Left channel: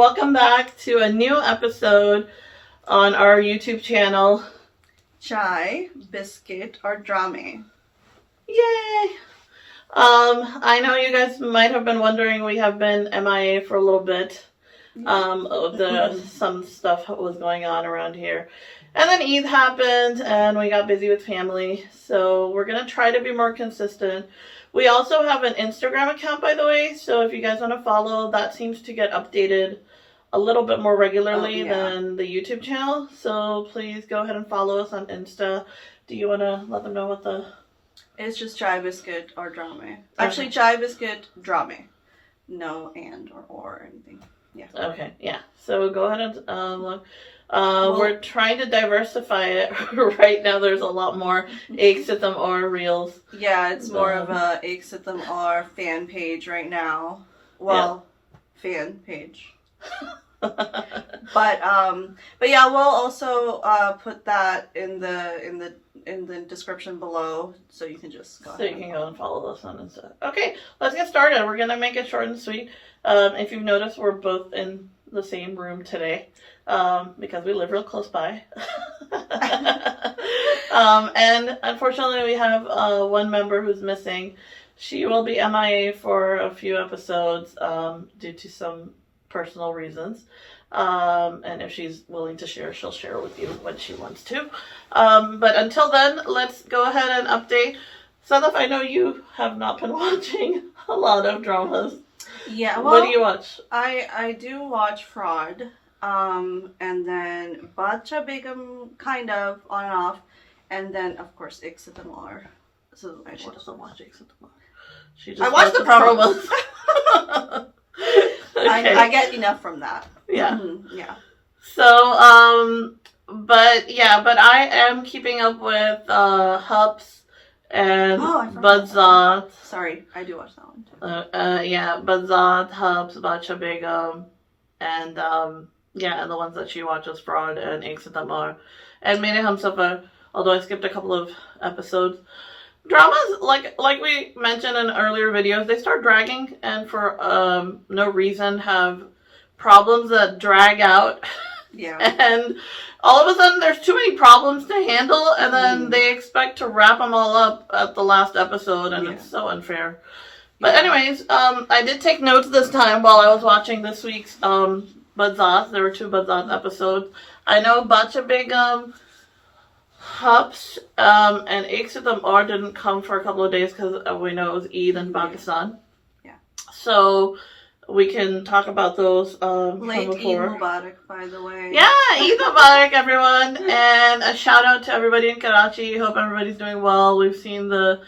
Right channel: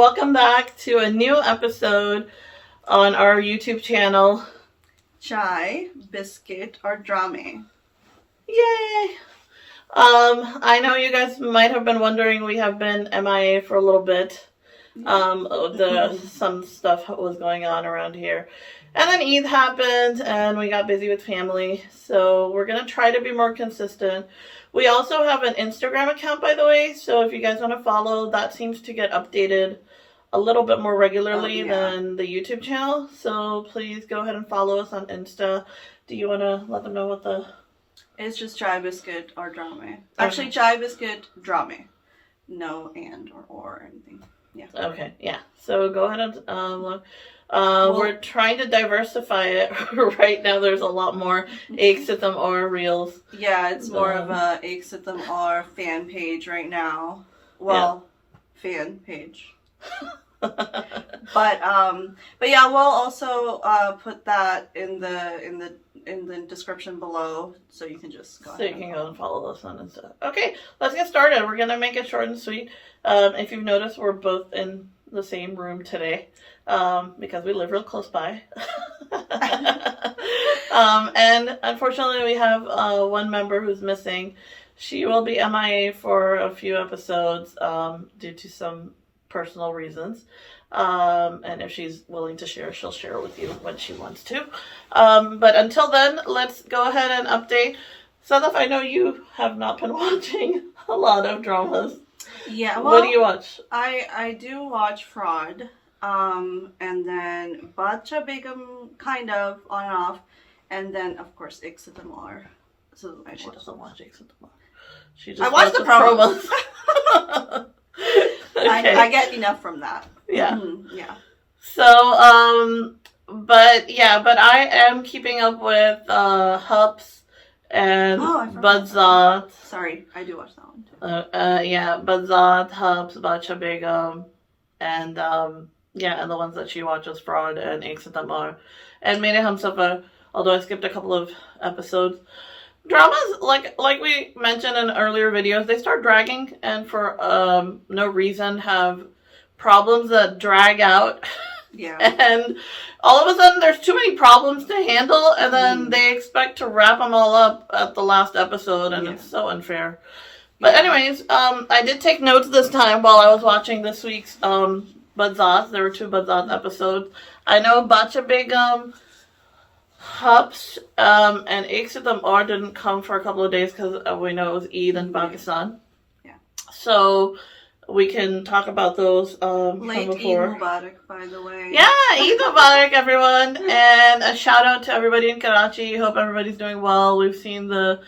welcome back to a new episode on our YouTube channel. Chai, Biscuit, or Dramay. Yay! I know you guys might have been wondering, we have been MIA for a little bit. Some stuff was going on around here. And then Eid happened and we got busy with family. So we're going to try to be more consistent. We also have an Instagram account, by the way. So if you guys want to follow, that seems to get updated a little bit more regularly than the YouTube channel. So please go ahead and follow us on Insta. Do you want to let them know what the... It's just Chai, Biscuit, or Dramay. Actually, Chai, Biscuit, Dramay. No and or anything. Yeah. Okay, yeah. So go ahead and look. We're trying to diversify it. Right now there's a lot more Aik Sitam Aur reels. Yeah, it's more of a Aik Sitam Aur fan page right now. Well, fan page. But yeah, we'll also put that in the description below, so you can just go ahead. So you can go and follow us on Insta. Okay, let's get started. We're gonna make it short and sweet. If you've noticed, we're both in the same room today. Because we live real close by. And unfortunately we have one member who's missing. She will be MIA for a few episodes due to some personal reasons. And if she's willing to share, she'll share with you when she wants to. But until then, let's go ahead and update. Sadaf, I know you have not been watching a lot of dramas. Yeah, well, what do you watch? I do watch Fraud. And then Badzaat Begum, kind of, on and off. And then, of course, Aik Sitam Aur. So She doesn't watch Aik Sitam Aur. I watch the promos. Okay. I get enough from that. Yeah. Yeah. So, but I am keeping up with Hups and Badzaat. Sorry, I do watch that one too. Badzaat, Hups, Badzaat Begum, and and the ones that she watches, Fraud and Aik Sitam Aur. And Mere Humsafar, although I skipped a couple of episodes. Dramas, like we mentioned in earlier videos, they start dragging and for no reason have problems that drag out. Yeah. And all of a sudden there's too many problems to handle, and then they expect to wrap them all up at the last episode, and it's so unfair. But anyways, I did take notes this time while I was watching this week's Badzaat. There were 2 Badzaat episodes. I know Badzaat Begum, Hups, and Aik Sitam Aur didn't come for a couple of days because we know it was Eid in Pakistan. Yeah. So we can talk about those Late from before. Eid Mubarak, by the way. Yeah, Eid Mubarak, everyone. And a shout out to everybody in Karachi. Hope everybody's doing well. We've seen the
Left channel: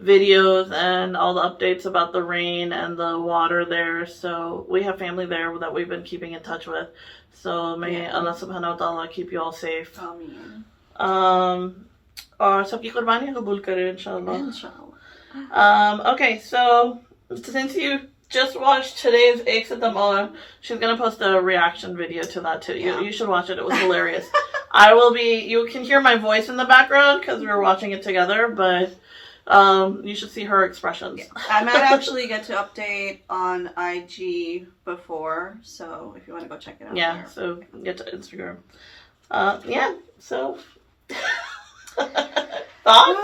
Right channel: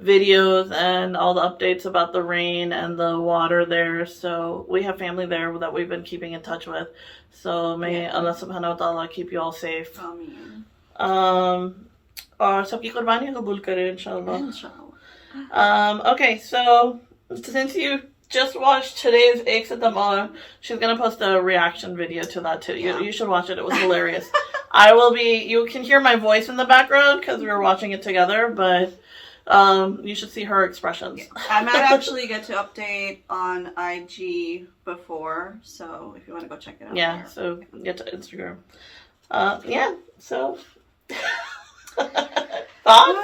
videos and all the updates about the rain and the water there. So we have family there that we've been keeping in touch with. So may Allah subhanahu wa ta'ala keep you all safe. Ameen. और सबकी कुर्बानी कबूल करे inshallah. Okay, so since you just watched today's Aik Sitam Aur, she's gonna post a reaction video to that too. You should watch it. It was hilarious. You can hear my voice in the background because we were watching it together, but you should see her expressions. I might actually get to update on IG before, so if you want to go check it out. Yeah, so get to Instagram. So thoughts?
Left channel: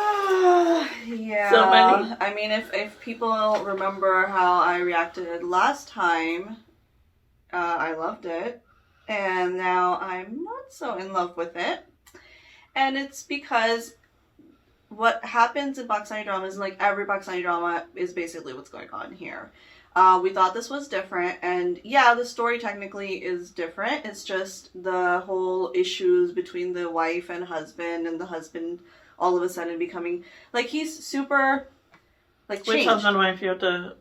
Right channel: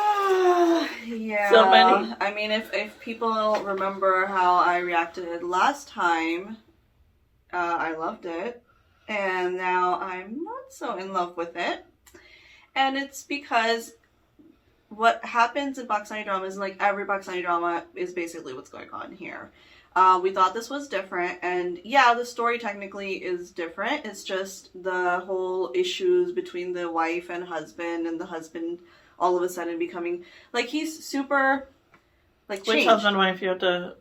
Yeah. So many. I mean, if people remember how I reacted last time, I loved it, and now I'm not so in love with it, and it's because what happens in Pakistani drama is like every Pakistani drama is basically what's going on here. We thought this was different, and yeah, the story technically is different. It's just the whole issues between the wife and husband, and the husband all of a sudden becoming like he's super like Which changed. husband wife you have to?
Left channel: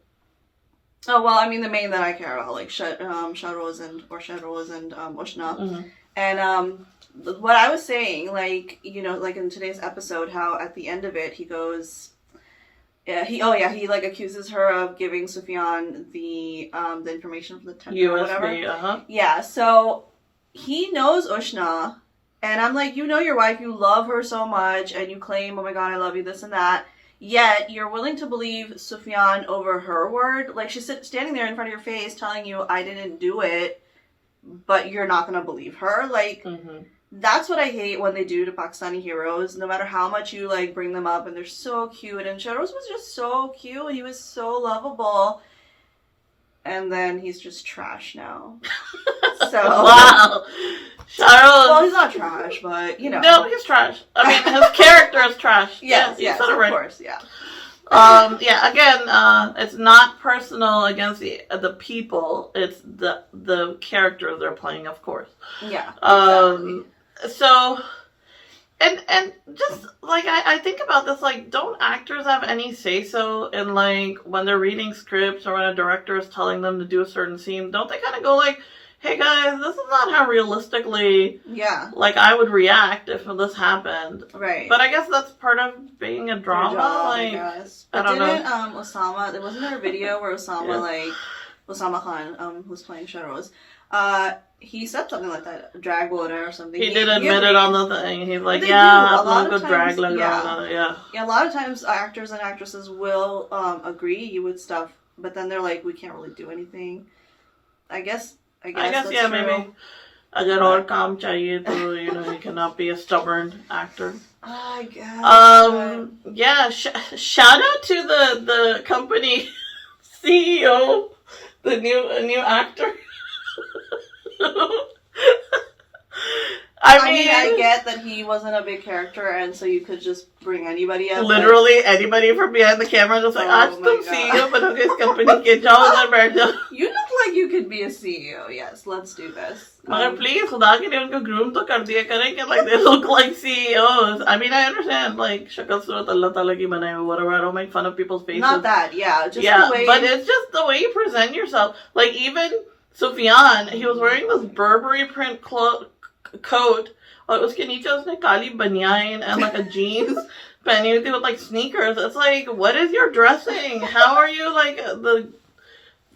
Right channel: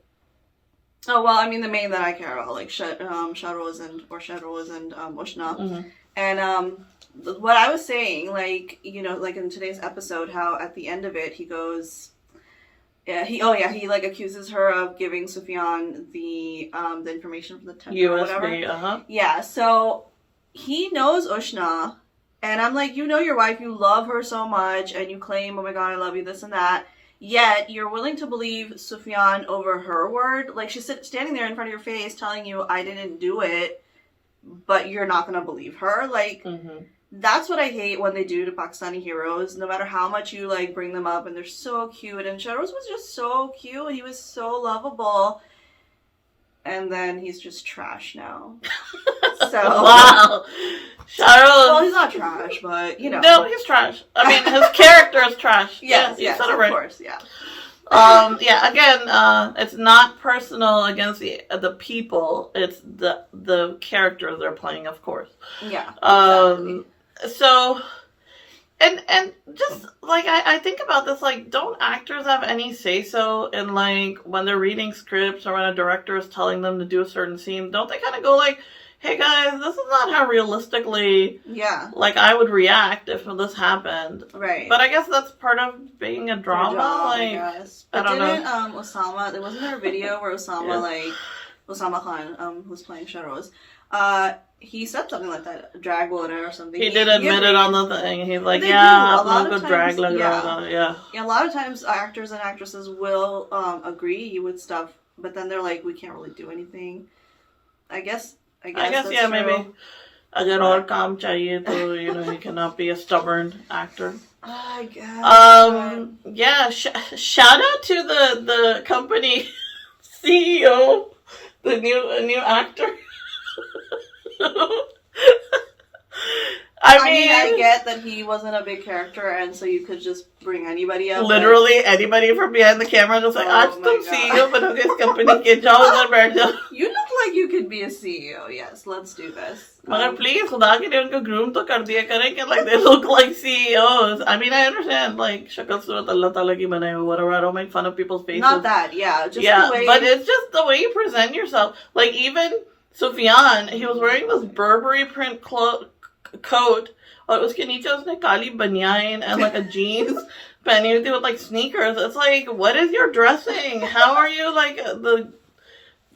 Oh well, I mean the main that I care about, like Shahroz and Ushna, and what I was saying, like like in today's episode, how at the end of it he goes. Yeah, he like accuses her of giving Sufyan the information from the tender or whatever. Yeah, so he knows Ushna, and I'm like, your wife, you love her so much, and you claim, oh my god, I love you, this and that. Yet you're willing to believe Sufyan over her word. Like she's standing there in front of your face, telling you, I didn't do it. but you're not gonna believe her. Like, that's what I hate when they do to Pakistani heroes. No matter how much you like bring them up, and they're so cute. And Shahroz was just so cute. He was so lovable. And then he's just trash now. So wow, Shahroz. Well, he's not trash, but you know. No, he's trash. I mean, his character is trash. Yes, of right. course, yeah. Yeah. Again, it's not personal against the people. It's the characters they're playing, of course. Yeah. Exactly. So, and just like I think about this, like, don't actors have any say so in like when they're reading scripts or when a director is telling them to do a certain scene? Don't they kind of go like, hey guys, this is not how realistically, like, I would react if this happened. Right. But I guess that's part of being a drama. Job, I guess. But didn't Osama, there wasn't there a video where Osama, like, Osama Khan, who's playing Shahroz, he said something like that, drag water or something. He did admit it on the thing. He's like, yeah, a lot of times, yeah, a lot of times actors and actresses will agree with stuff, but then they're like, we can't really do anything. I guess that's yeah, true. maybe. Agar aur kaam chahiye to, you know, he cannot be a stubborn actor. I guess. Yeah, shout out to the company CEO, the new actor. I mean, I get that he wasn't a big character, and so you could just bring anybody up. Literally anybody from behind the camera, just like, "Aaj tum CEO bano is company ke jao na baith jao." You look like you could be a CEO. Yes, let's do this. But please, khuda ke liye unko groom to kar diya kare, like they look like CEOs. I mean, I understand, like, shakal surat Allah Ta'ala ki banaye ho, whatever. I don't make fun of people's faces. Not that, just the way. But it's just the way you present yourself. Like, even Sufyan, he was wearing this Burberry print coat. और उसके नीचे उसने काली बनियान and like a jeans पहनी हुई थी with like sneakers. It's like, what is your dressing? How are you like the...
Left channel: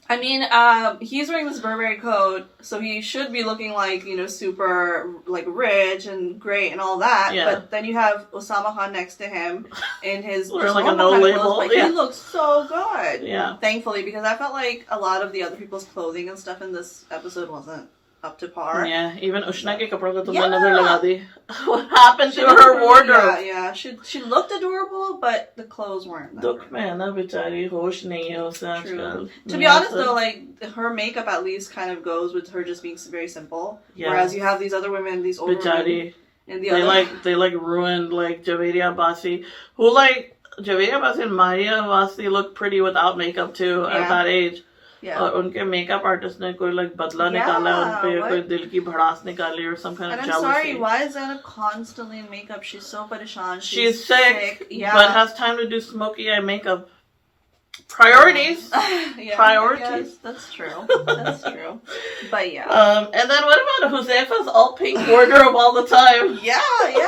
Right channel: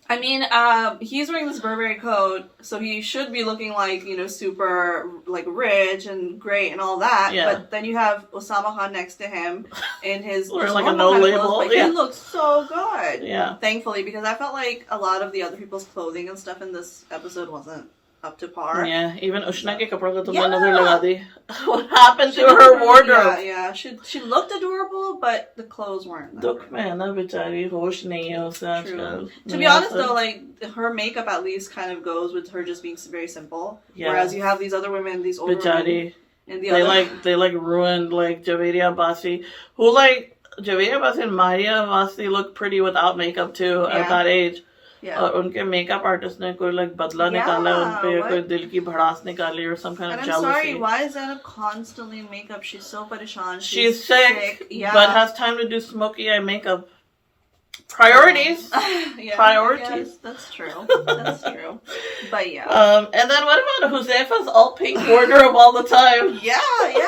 I mean, he's wearing this Burberry coat, so he should be looking like, you know, super like rich and great and all that. Yeah. But then you have Osama Khan next to him in his or like a no label. Like, he looks so good. Yeah. Thankfully, because I felt like a lot of the other people's clothing and stuff in this episode wasn't up to par. Yeah, even Ushna ke kapda ko tumne nazar laga di. What happened to her wardrobe? Yeah. She looked adorable, but the clothes weren't that Dukh mein na bichari hosh nahi hai usse aajkal. To be honest though, like, her makeup at least kind of goes with her just being very simple. Yeah. Whereas you have these other women, these older women, and they ruined like Javeria Abbasi, who like Javeria Abbasi and Maria Abbasi look pretty without makeup too at that age. Yeah. और उनके makeup artist ने कोई like बदला निकाला उन पे कोई दिल की भड़ास निकाली or some kind of jealousy. And I'm sorry, why is Anna constantly in makeup? She's so pareshan. She's sick, but has time to do smoky eye makeup. Priorities. Priorities. Yes, that's true. That's true. But yeah. And then what about Huzefa's all pink wardrobe all the time? Yeah.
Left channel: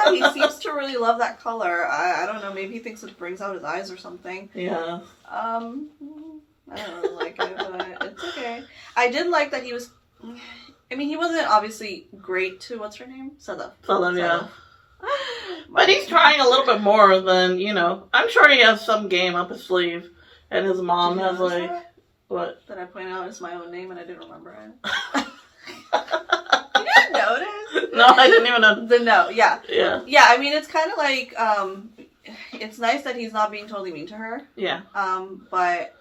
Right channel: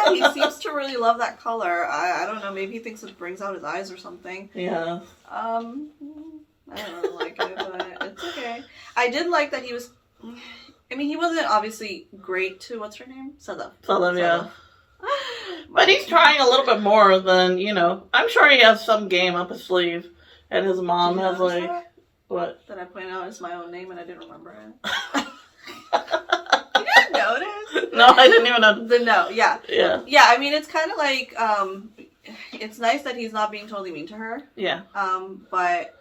He seems to really love that color. I don't know. Maybe he thinks it brings out his eyes or something. Yeah. I don't really like it, but it's okay. I did like that he was... I mean, he wasn't obviously great to... What's her name? Sadaf, yeah. But he's trying a little bit more than, you know... I'm sure he has some game up his sleeve. And his mom has, like... That? What? That I pointed out as my own name and I didn't remember it. You didn't notice? No, I didn't even know. The note, yeah. Yeah, I mean, it's kind of like... it's nice that he's not being totally mean to her. Yeah. But...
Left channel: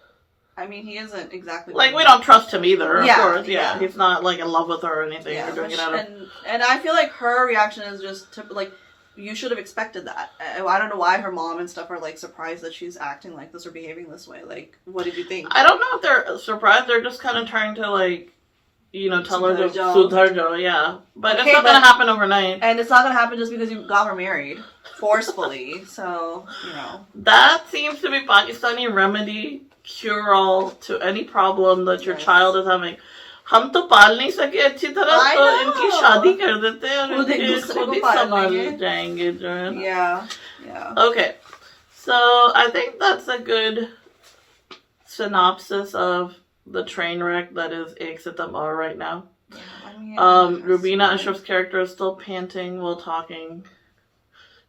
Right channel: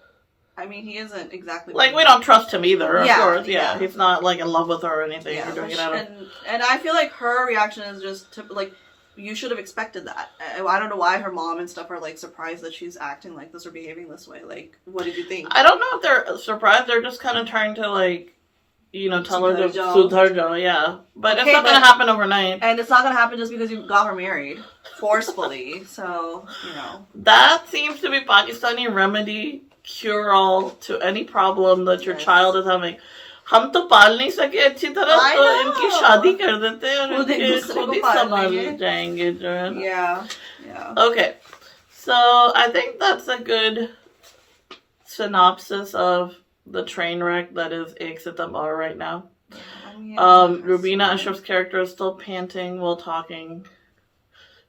I mean, he isn't exactly... Like, we don't trust him either, of course. Yeah, he's not, like, in love with her or anything. Yeah, and I feel like her reaction is just, like, you should have expected that. I don't know why her mom and stuff are, like, surprised that she's acting like this or behaving this way. Like, what did you think? I don't know if they're surprised. They're just kind of trying to, like, you know, tell her to sudhar, yeah. But it's not going to happen overnight. And it's not going to happen just because you got her married forcefully. So, you know. That seems to be Pakistani remedy... cure-all to any problem that your child is having. हम तो पाल नहीं सके अच्छी तरह तो इनकी शादी कर देते हैं खुद ही संभाल जाएंगे जो है. Yeah. Okay, so I think that's a good synopsis of the train wreck that is Aik Sitam Aur right now. Rubina Ashraf's character is still panting while talking.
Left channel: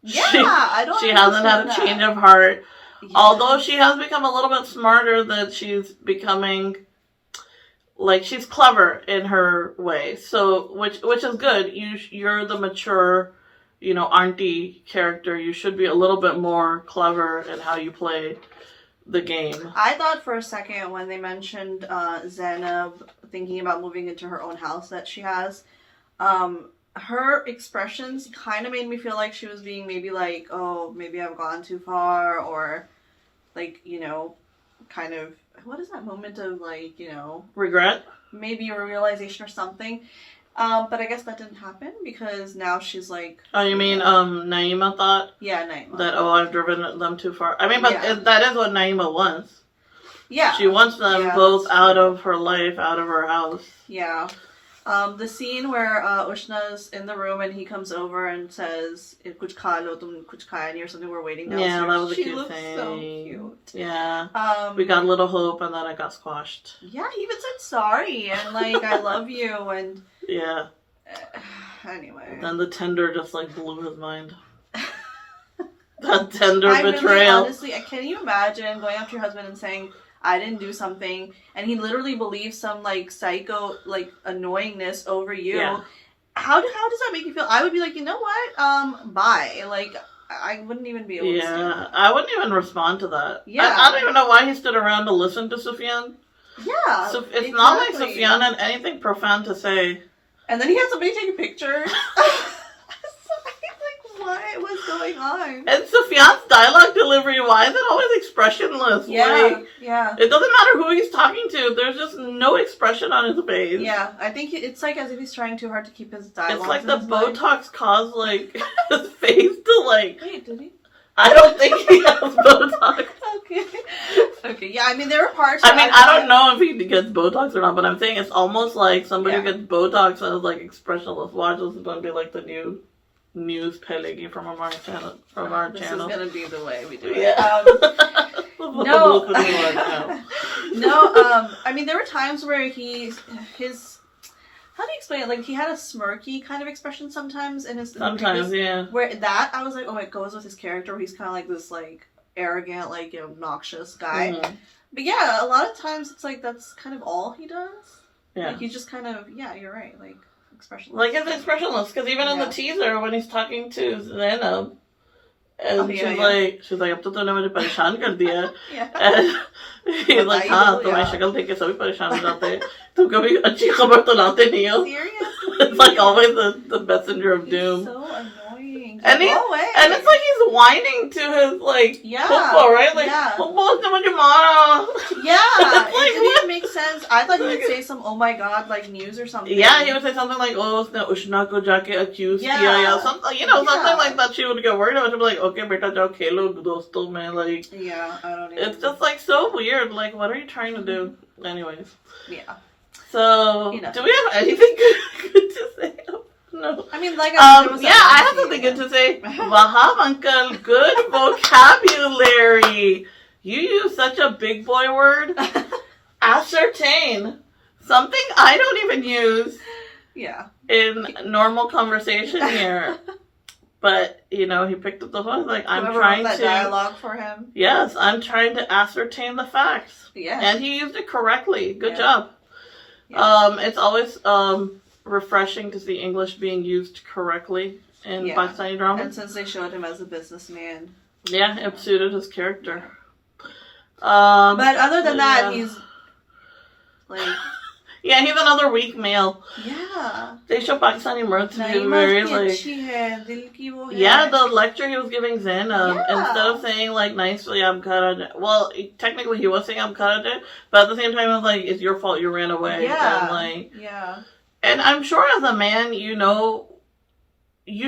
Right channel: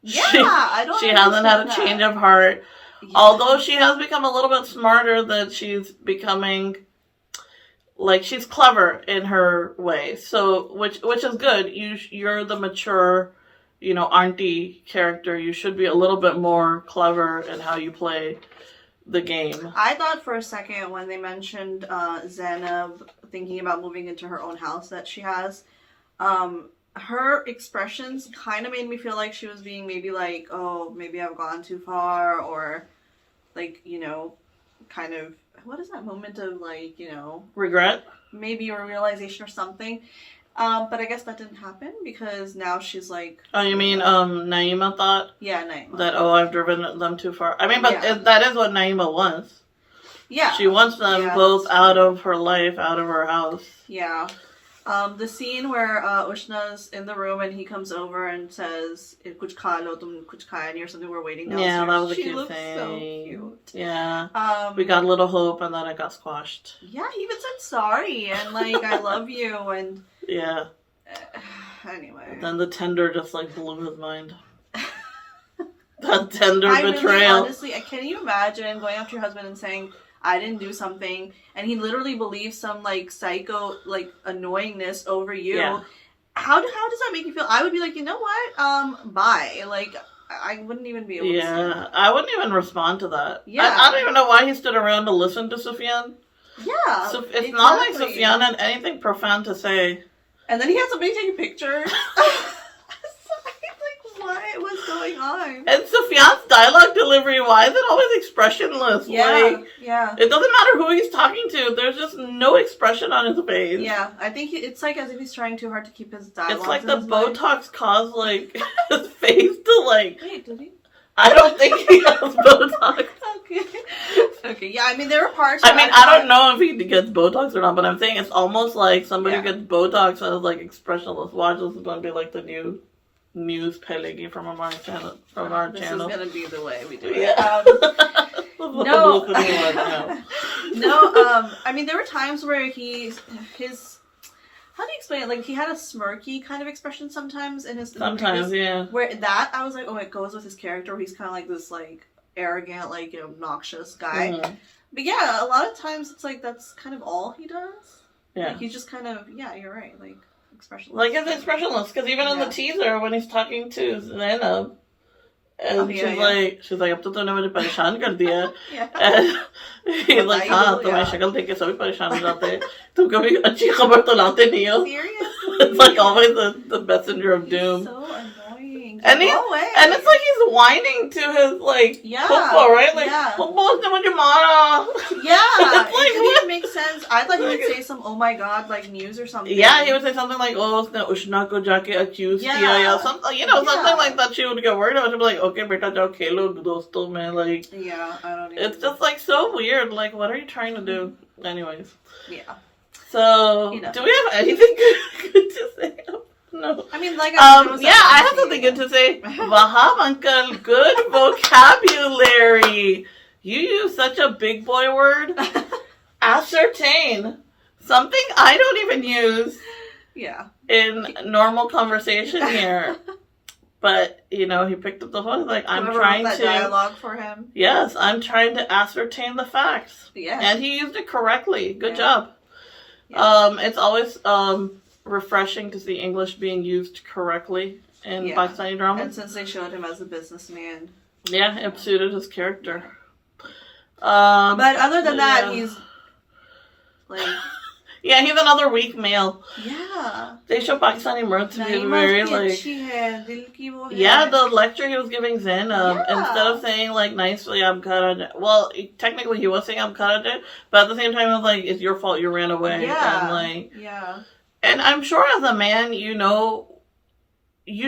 I don't. She hasn't had a change of heart. Yeah. Although she has become a little bit smarter, that she's becoming like she's clever in her way. So which is good. You're the mature, auntie character. You should be a little bit more clever in how you play the game. I thought for a second when they mentioned Zainab thinking about moving into her own house that she has, her expressions kind of made me feel like she was being maybe like, oh, maybe I've gone too far, or like, kind of, what is that moment of like, Regret? maybe a realization or something. But I guess that didn't happen because now she's like... Oh, you mean Naima thought? Yeah, Naima. That, I've driven them too far. I mean, but that is what Naima wants. Yeah. She wants them both out of her life, out of her house. Yeah. The scene where Ushna's in the room and he comes over and says, "Kuch kha lo, tum kuch khaya nahi," or something. We're waiting downstairs. Yeah, that was a she cute looks thing. so cute. Yeah. We got a little hope and then it got squashed. Yeah, he even said sorry and like, I love you, and... Yeah. Anyway. Then the tender just like blew his mind. That tender betrayal. Really, honestly, can you imagine going up to your husband and saying, I didn't do something, and he literally believes some like psycho like annoyingness over you? Yeah. How does that make you feel? I would be like, you know what? Bye. Like, I wouldn't even be able to stand it. I wouldn't even respond to that. Yeah. I don't even know why he stood around to listen to Sufyan. Yeah. So it's not like Sufyan had anything profound to say. And then he had somebody taking pictures. What was going on? And Sufyan's dialogue delivery, why is it always expressionless? Yeah, It doesn't matter who he's talking to. There's just no expression on his face. Yeah, I think it's like as if he's trying too hard to keep his dialogue. It's like the Botox caused like his face to like... Wait, did he? I don't think he has Botox. Okay, yeah, I mean, there were parts... I don't know if he gets Botox or not, but I'm saying it's almost like somebody who gets Botox and is like expressionless. Watch, this is going to be like the new news pelegi from our channel. This is going to be the way we do it. Yeah. No. I mean, there were times where his... How do you explain it? Like, he had a smirky kind of expression sometimes in his... Sometimes, yeah. Where that, I was like, oh, it goes with his character, where he's kind of like this, like, arrogant, like, obnoxious guy. Mm-hmm. But yeah, a lot of times it's like, that's kind of all he does. Yeah. Like, he's just kind of, yeah, you're right, like, expressionless. Like, it's expressionless, because even in the teaser, when he's talking to Zainab, and she's like, अब तो तूने मुझे परेशान कर दिया. And he's like, हाँ, तुम्हारी शक्ल देख के सभी परेशान हो जाते हैं. तुम कभी अच्छी खबर तो लाते नहीं हो. Seriously? It's like always the messenger of doom. He's so annoying. And it's like he's whining to his like football, right? Like, football's not much mara. Yeah, it didn't even make sense. I thought he would say some oh my god like news or something. Yeah, he would say something like, oh, उसने उष्णा को जाके accuse किया या something, something like that. She would get worried about. She'd be like, okay, बेटा जाओ खेलो दोस्तों में, like. Yeah, I don't even. It's just like so weird. Like, what are you trying to do? Anyways. Yeah. So, do we have anything good to say? No. I mean, like, I have something good to say. Wahab, uncle, good vocabulary. You use such a big boy word. Ascertain. Something I don't even use. Yeah. In normal conversation here. But, he picked up the phone. Like, I'm trying to... dialogue for him. Yes, I'm trying to ascertain the facts. Yeah. And he used it correctly. Good job. Yeah. It's always refreshing to see English being used correctly in Pakistani drama. And since they showed him as a businessman. Yeah, it suited his character. But other than that, he's like... Yeah, he's another weak male. Yeah. They show Pakistani mirth to be very like... Yeah, the lecture he was giving Zainab, instead of saying like nicely, I'm Karaja. Well, technically he was saying I'm Karaja, but at the same time it was like, it's your fault you ran away. Yeah. And like... Yeah. And I'm sure as a man, you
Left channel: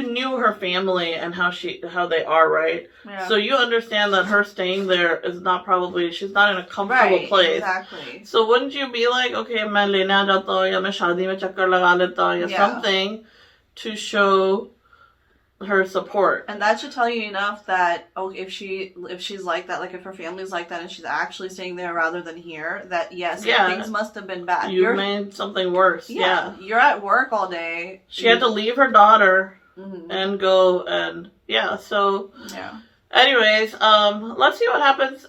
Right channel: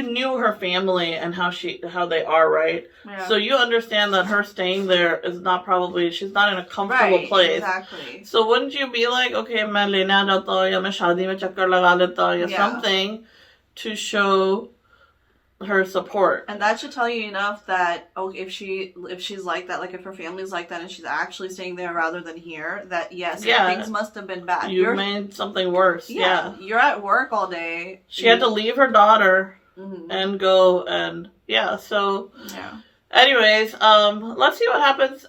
knew her family and how they are, right? Yeah. So you understand that her staying there is not she's not in a comfortable place. Exactly. So wouldn't you be like, okay, मैं लेने आ जाता हूँ या मैं शादी में चक्कर लगा लेता हूँ या something to show her support. And that should tell you enough that if she's like that, like if her family's like that and she's actually staying there rather than here, that things must have been bad. You made something worse. Yeah. You're at work all day. She had to leave her daughter and go and so Anyways, let's see what happens.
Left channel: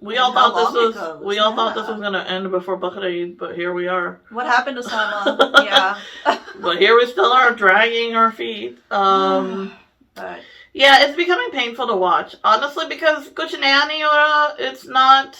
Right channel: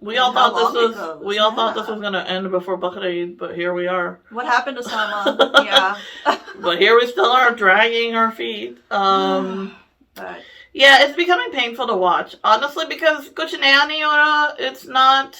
We all thought this was gonna end before Bakr Eid, but here we are. What happened to Sama? Yeah. But here we still are, dragging our feet. But yeah, it's becoming painful to watch, honestly, because kuch naya nahi ho raha. It's not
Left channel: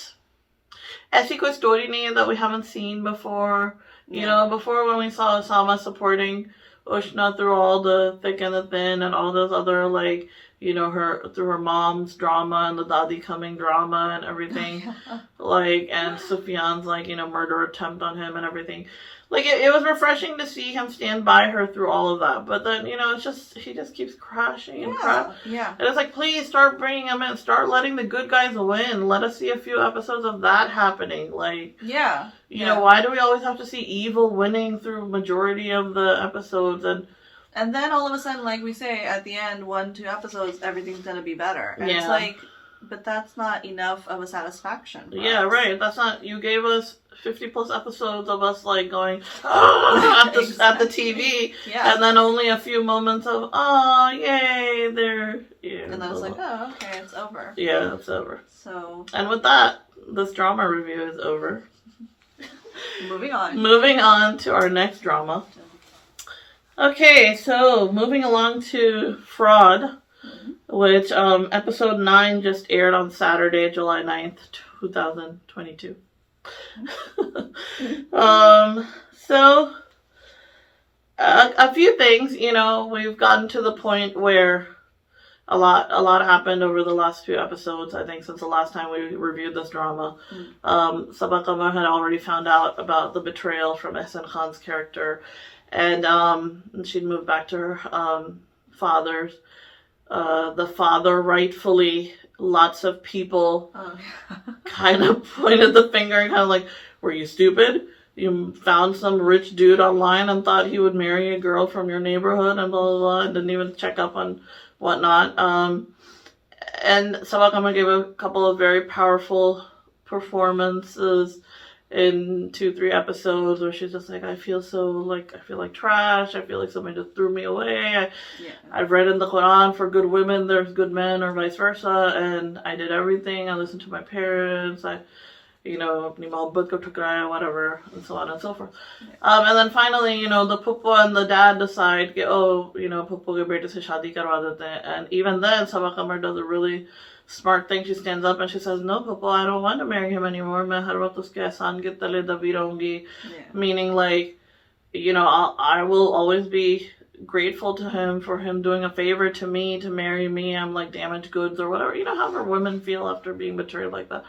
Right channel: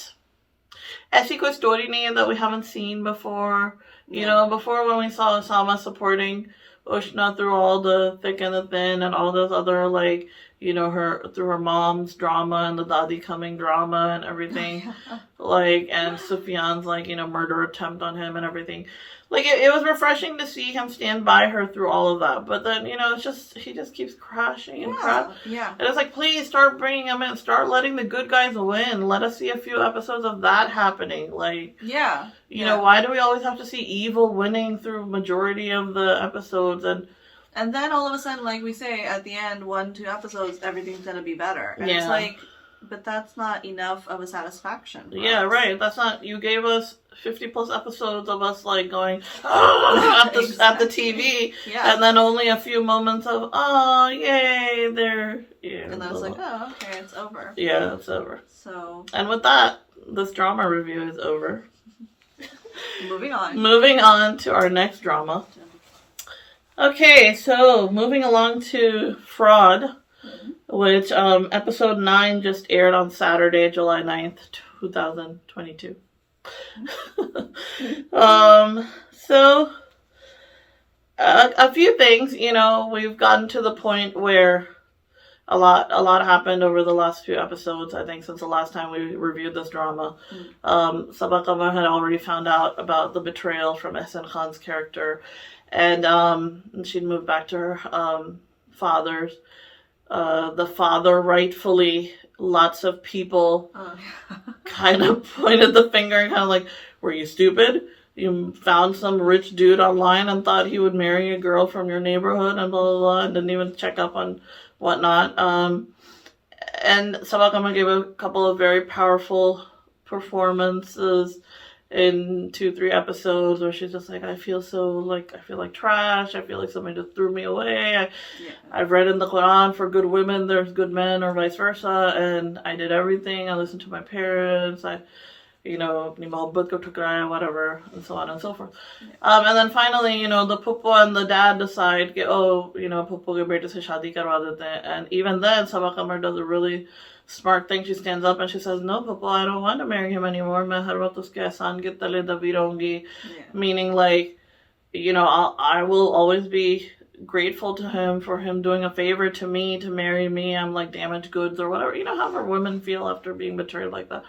aisi koi story nahi hai that we haven't seen before. You know, before when we saw Sama supporting Ushna through all the thick and the thin and all those other, like, you know, through her mom's drama and the Dadi coming drama and everything. Like, and Sufyan's, like, you know, murder attempt on him and everything. Like, it was refreshing to see him stand by her through all of that. But then, you know, he just keeps crashing and crashing. Yeah. And it's like, please start bringing him in. Start letting the good guys win. Let us see a few episodes of that happening. Like, yeah. You know, why do we always have to see evil winning through majority of the episodes? And then all of a sudden, like we say, at the end, 1-2 episodes, everything's going to be better. And it's like, but that's not enough of a satisfaction. Yeah, right. That's not, you gave us 50 plus episodes of us like going, oh, at the TV. Yeah. And then only a few moments of, oh, yay, they're, yeah. And then it's like, oh, okay, it's over. Yeah, it's over. So. And with that, this drama review is over. Moving on. Moving on to our next drama. Okay, so moving along to Fraud, which episode 9 just aired on Saturday, July 9th, 2022. So a few things, you know, we've gotten to the point where a lot happened over the last few episodes, I think, since the last time we reviewed this drama. Sabah Qamar had already found out about the betrayal from Ehsan Khan's character, and she'd moved back to her father's. The father, rightfully, lots of people kind of pointed the finger and kind of like, were you stupid? You found some rich dude online and thought he would marry a girl from your neighborhood and blah, blah, blah, and didn't even check up on whatnot. And Sabah Qamar gave a couple of very powerful performances in 2-3 episodes where she's just like, I feel like trash. I feel like somebody just threw me away. I've read in the Quran, for good women, there's good men, or vice versa. And I did everything. I listened to my parents. You know, whatever, and so on and so forth. And then finally, you know, the Puppo and the dad decide, oh, you know, Puppo ke bete se shaadi karwa dete hain. And even then, Sabah Qamar does a really smart thing. She stands up and she says, no, Puppo, I don't want to marry him anymore. Main har waqt uske ehsan ke tale dabi rahungi. Meaning, like, you know, I will always be grateful to him for him doing a favor to me, to marry me. I'm like damaged goods or whatever. You know, however women feel after being betrayed like that.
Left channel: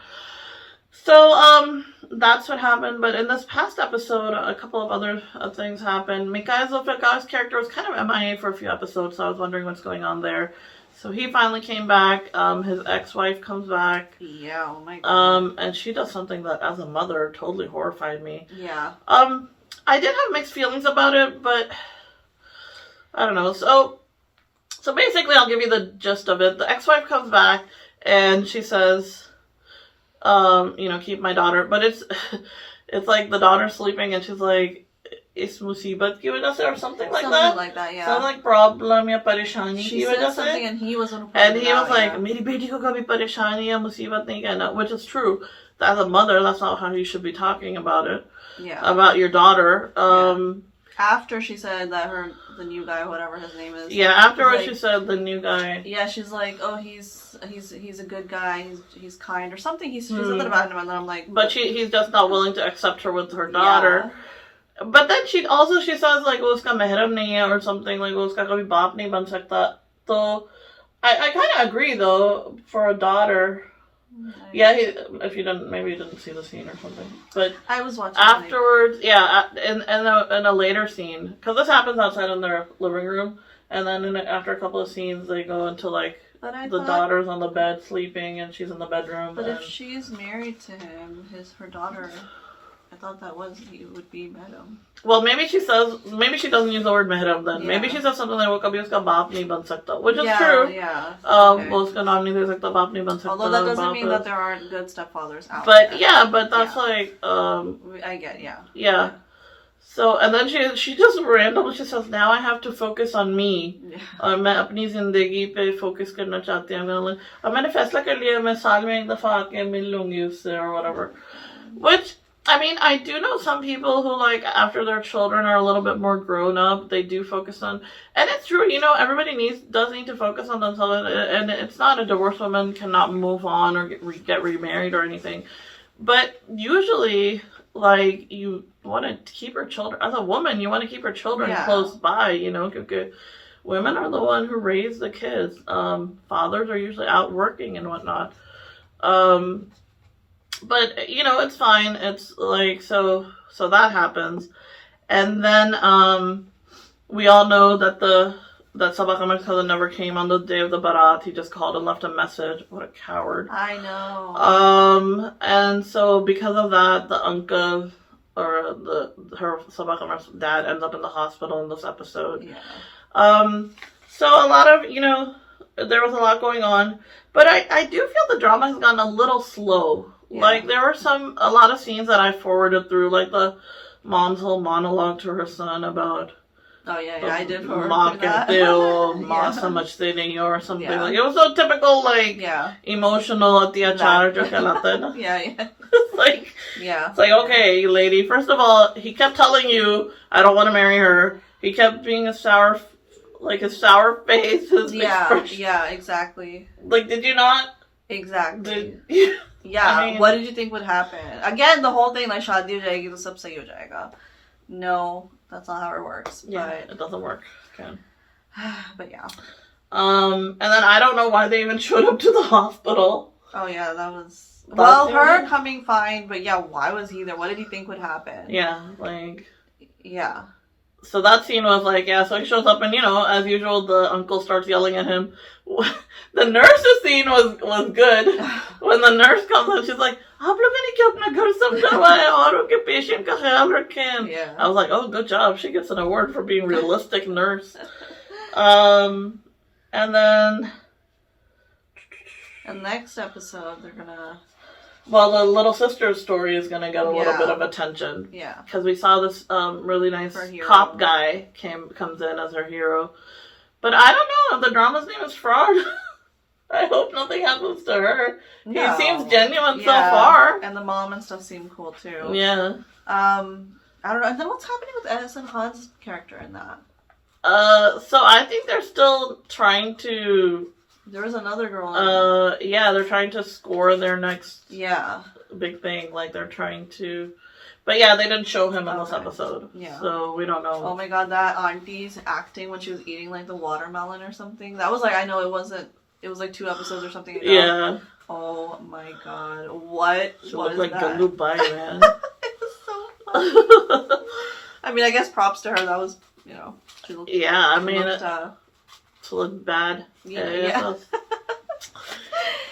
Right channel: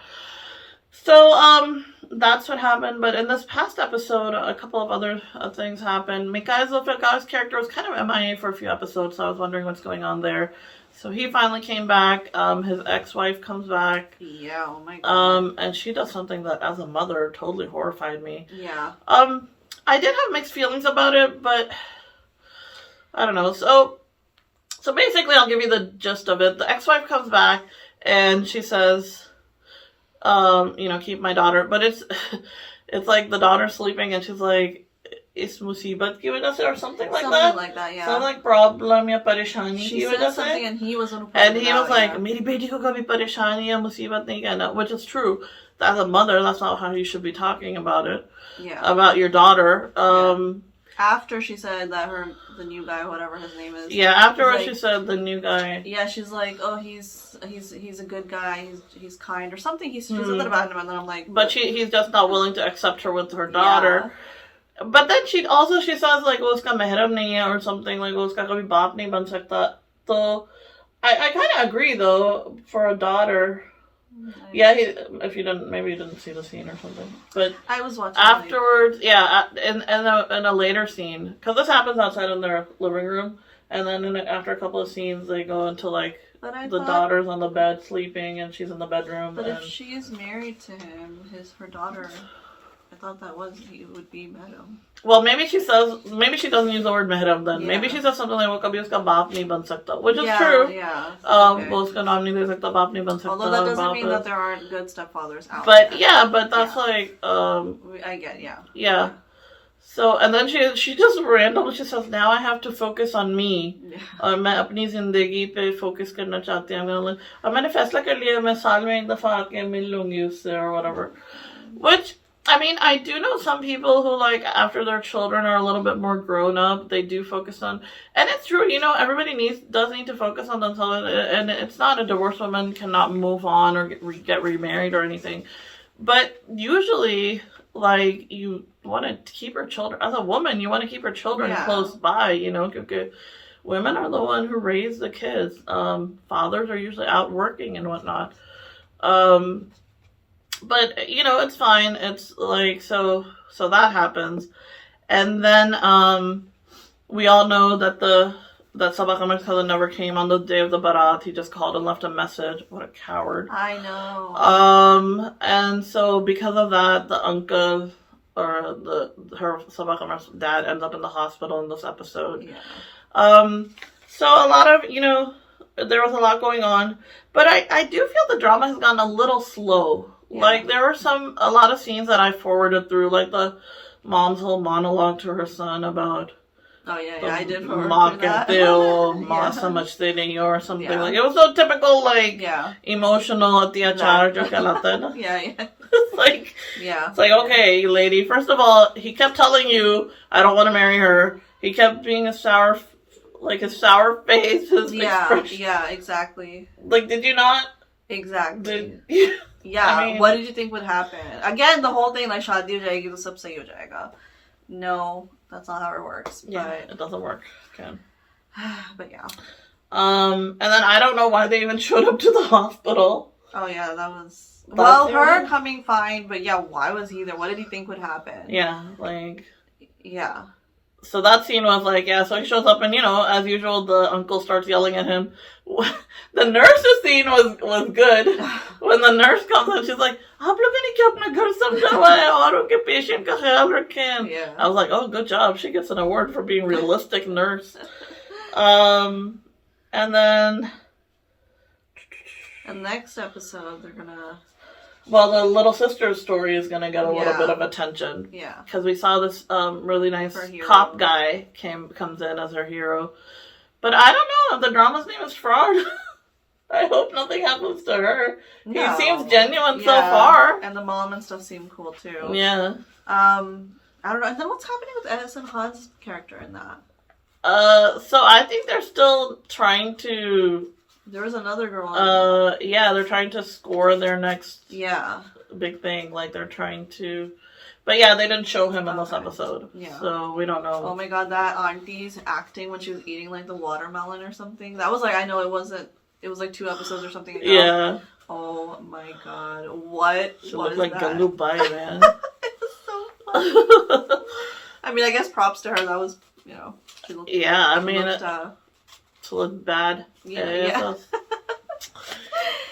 So, that's what happened. But in this past episode, a couple of other things happened. Mikhail Zulfikar's character was kind of MIA for a few episodes, so I was wondering what's going on there. So he finally came back. His ex-wife comes back. Yeah, oh my God. And she does something that, as a mother, totally horrified me. Yeah. I did have mixed feelings about it, but I don't know. So basically, I'll give you the gist of it. The ex-wife comes back, and she says, you know, keep my daughter. But it's like the daughter's sleeping, and she's like, is musibat ki wajah se, or something like that. Something like that, yeah. Something like problem ya pareshani she ki said wajah something, se. and he was And he was like, meri beti ko kabhi pareshani ya musibat nahi kehna, which is true. As a mother, that's not how you should be talking about it. Yeah. About your daughter. After she said that the new guy, whatever his name is. Yeah, afterwards she said the new guy. Yeah, she's like, oh, he's a good guy. He's kind or something. She said that about him, and then I'm like, but he's just not willing to accept her with her daughter. Yeah. But then she says like, wo uska mehram nahi hai or something, like wo uska kabhi baap nahi ban sakta. So I kind of agree though, for a daughter. Yeah, if you didn't see the scene or something. But I was watching afterwards. Yeah, in a later scene, because this happens outside in their living room, and then after a couple of scenes, they go into like daughter's on the bed sleeping, and she's in the bedroom. But if she's married to him, her daughter, I thought he would be mehram. Well, maybe she doesn't use the word mehram then. Yeah. Maybe she says something like, wo kabhi uska baap nahi ban sakta, which is true. Yeah. Wo uska naam nahi de sakta, baap nahi ban sakta. Although that doesn't mean that there aren't good stepfathers out there. there. Yeah, but that's like... I get, yeah. Yeah. So, and then she just randomly, she says, now I have to focus on me. Yeah. मैं अपनी जिंदगी पे focus करना चाहती हूँ. और मैंने फैसला कर लिया मैं साल में एक दफा आके मिल लूंगी उससे or whatever. Which, I mean, I do know some people who, like, after their children are a little bit more grown up, they do focus on, and it's true, you know, everybody does need to focus on themselves, and it's not a divorced woman cannot move on or get remarried or anything. But usually, like, you want to keep your children, as a woman, you want to keep your children close by, you know, because women are the one who raise the kids. Fathers are usually out working and whatnot. But, you know, it's fine. It's like, so that happens. And then, we all know that Sabah Kamar's cousin never came on the day of the Barat. He just called and left a message. What a coward. I know. And so because of that, the uncle, or her Sabah Kamar's dad ends up in the hospital in this episode. Yeah. So a lot of, you know, there was a lot going on. But I do feel the drama has gotten a little slow. Yeah. Like, there were a lot of scenes that I forwarded through, like the mom's whole monologue to her son about... Oh, yeah, I did forward that. So much thing or something. Yeah. Like, it was so typical, like, emotional at the achar. Yeah. It's like, okay, lady, first of all, he kept telling you, I don't want to marry her. He kept being his sour face, his expression. Yeah, exactly. Like, did you not? Exactly. Yeah, I mean, what did you think would happen? Again, the whole thing, like, shaadi ho jayegi, to sab sahi ho jayega. No, that's not how it works. Yeah, but it doesn't work. Okay. But yeah. And then I don't know why they even showed up to the hospital. Oh yeah, that was... Well, her coming fine, but yeah, why was he there? What did he think would happen? Yeah, like... Yeah. So that scene was like, so he shows up and, you know, as usual, the uncle starts yelling at him. The nurse's scene was good. When the nurse comes in, she's like, "आप लोगों ने क्या अपना घर समझाया और उनके patient का ख्याल रखें." Yeah. I was like, oh, good job. She gets an award for being realistic nurse. And then... And next episode, they're gonna... Well, the little sister's story is gonna get a little bit of attention. Yeah. Because we saw this really nice cop guy comes in as her hero. But I don't know if the drama's name is Fraud. I hope nothing happens to her. No. He seems genuine so far. And the mom and stuff seem cool too. Yeah. I don't know. And then what's happening with Edison Han's character in that? So I think they're still trying to... There was another girl on they're trying to score their next big thing. Like, they're trying to... But yeah, they didn't show him in this episode. Yeah. So we don't know. Oh my god, that auntie's acting when she was eating, like, the watermelon or something. That was like, I know it wasn't... It was like 2 episodes or something ago. Yeah. Oh my god. What she was like that? Galu Bai, man. It was so funny. I mean, I guess props to her. That was, you know... She looked, I mean... to look bad. Yeah.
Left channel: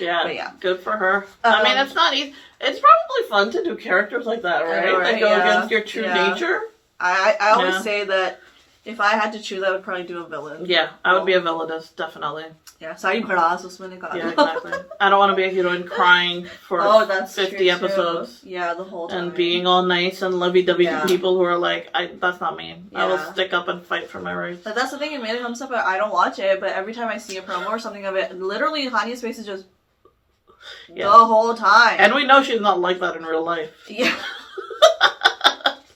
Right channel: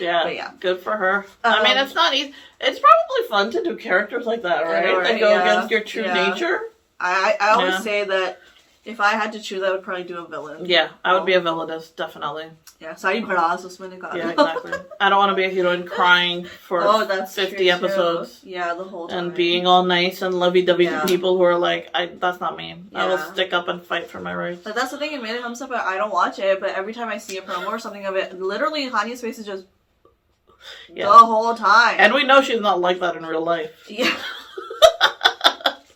Yeah, good for her. I mean, it's not easy. It's probably fun to do characters like that, right? That go against your true nature. I always say that if I had to choose, I would probably do a villain. Yeah, I would be a villainess, definitely. Yeah, Sari Bharas usme nikala. Yeah, exactly. I don't want to be a heroine crying for 50 episodes. Yeah, the whole time. And being all nice and lovey-dovey to people who are like, that's not me. I will stick up and fight for my rights. But that's the thing in Mere Humsafar, I don't watch it, but every time I see a promo or something of it, literally Hanya's face is just the whole time. And we know she's not like that in real life. Yeah.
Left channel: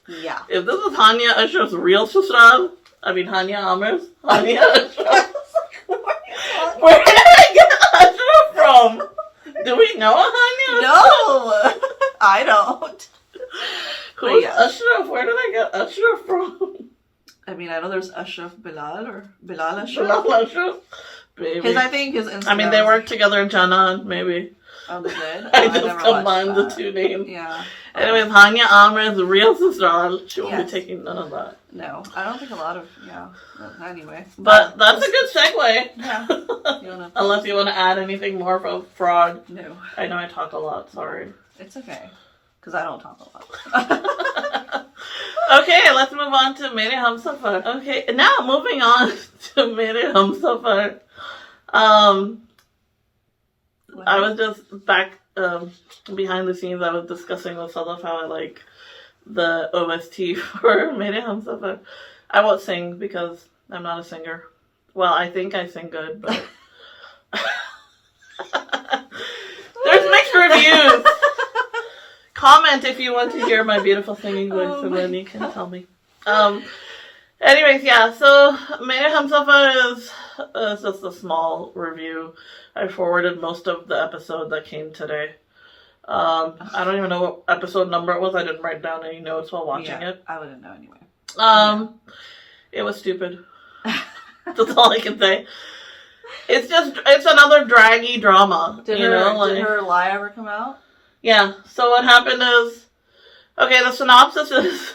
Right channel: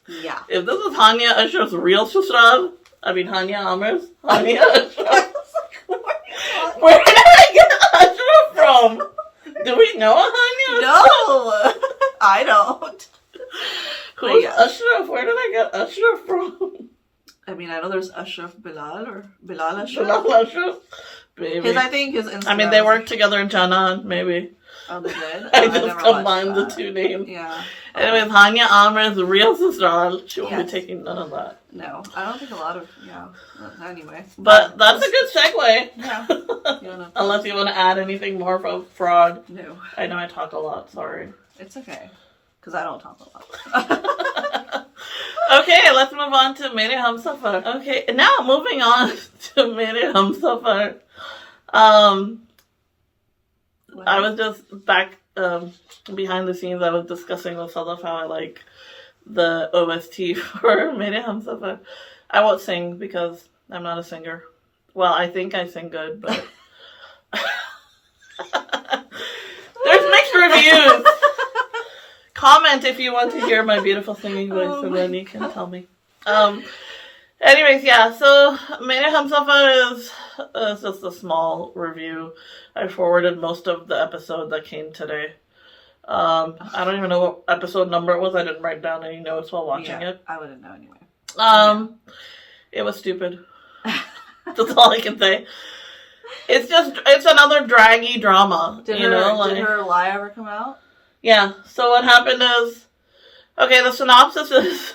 Yeah. If this is Hanya Ashraf's real Susral, I mean Hanya Amir's, Hanya Ashraf. Where did I get Ashraf from? Do we know Hanya? No, I don't. Who's Ashraf? Where did I get Ashraf from? I mean, I know there's Ashraf Bilal or Bilal Ashraf. Bilal Ashraf? Maybe. I think his Instagram. I mean, they worked together in Janan, maybe. Oh, they did? I just combined the two names. Yeah. Anyways, Hanya Amir's real sister, she won't be taking none of that. No, I don't think a lot of, anyway. But that's a good segue. Yeah. Unless you want to add anything more from Frog. No. I know I talk a lot, sorry. It's okay. Because I don't talk a lot. Okay, let's move on to Mere Humsafar. Okay, now moving on to Mere Humsafar. I was just back behind the scenes. I was discussing with Sadaf how I like the OST for Mere Humsafar. I won't sing because I'm not a singer. Well, I think I sing good, but there's mixed reviews. Comment if you want to hear my beautiful singing voice, so then you can tell me. Anyways, yeah, so Mere Humsafar is just a small review. I forwarded most of the episode that came today. I don't even know what episode number it was. I didn't write down any notes while watching it. I wouldn't know anyway. It was stupid. That's all I can say. It's another draggy drama. Did her lie ever come out? Yeah. So what happened is, okay, the synopsis is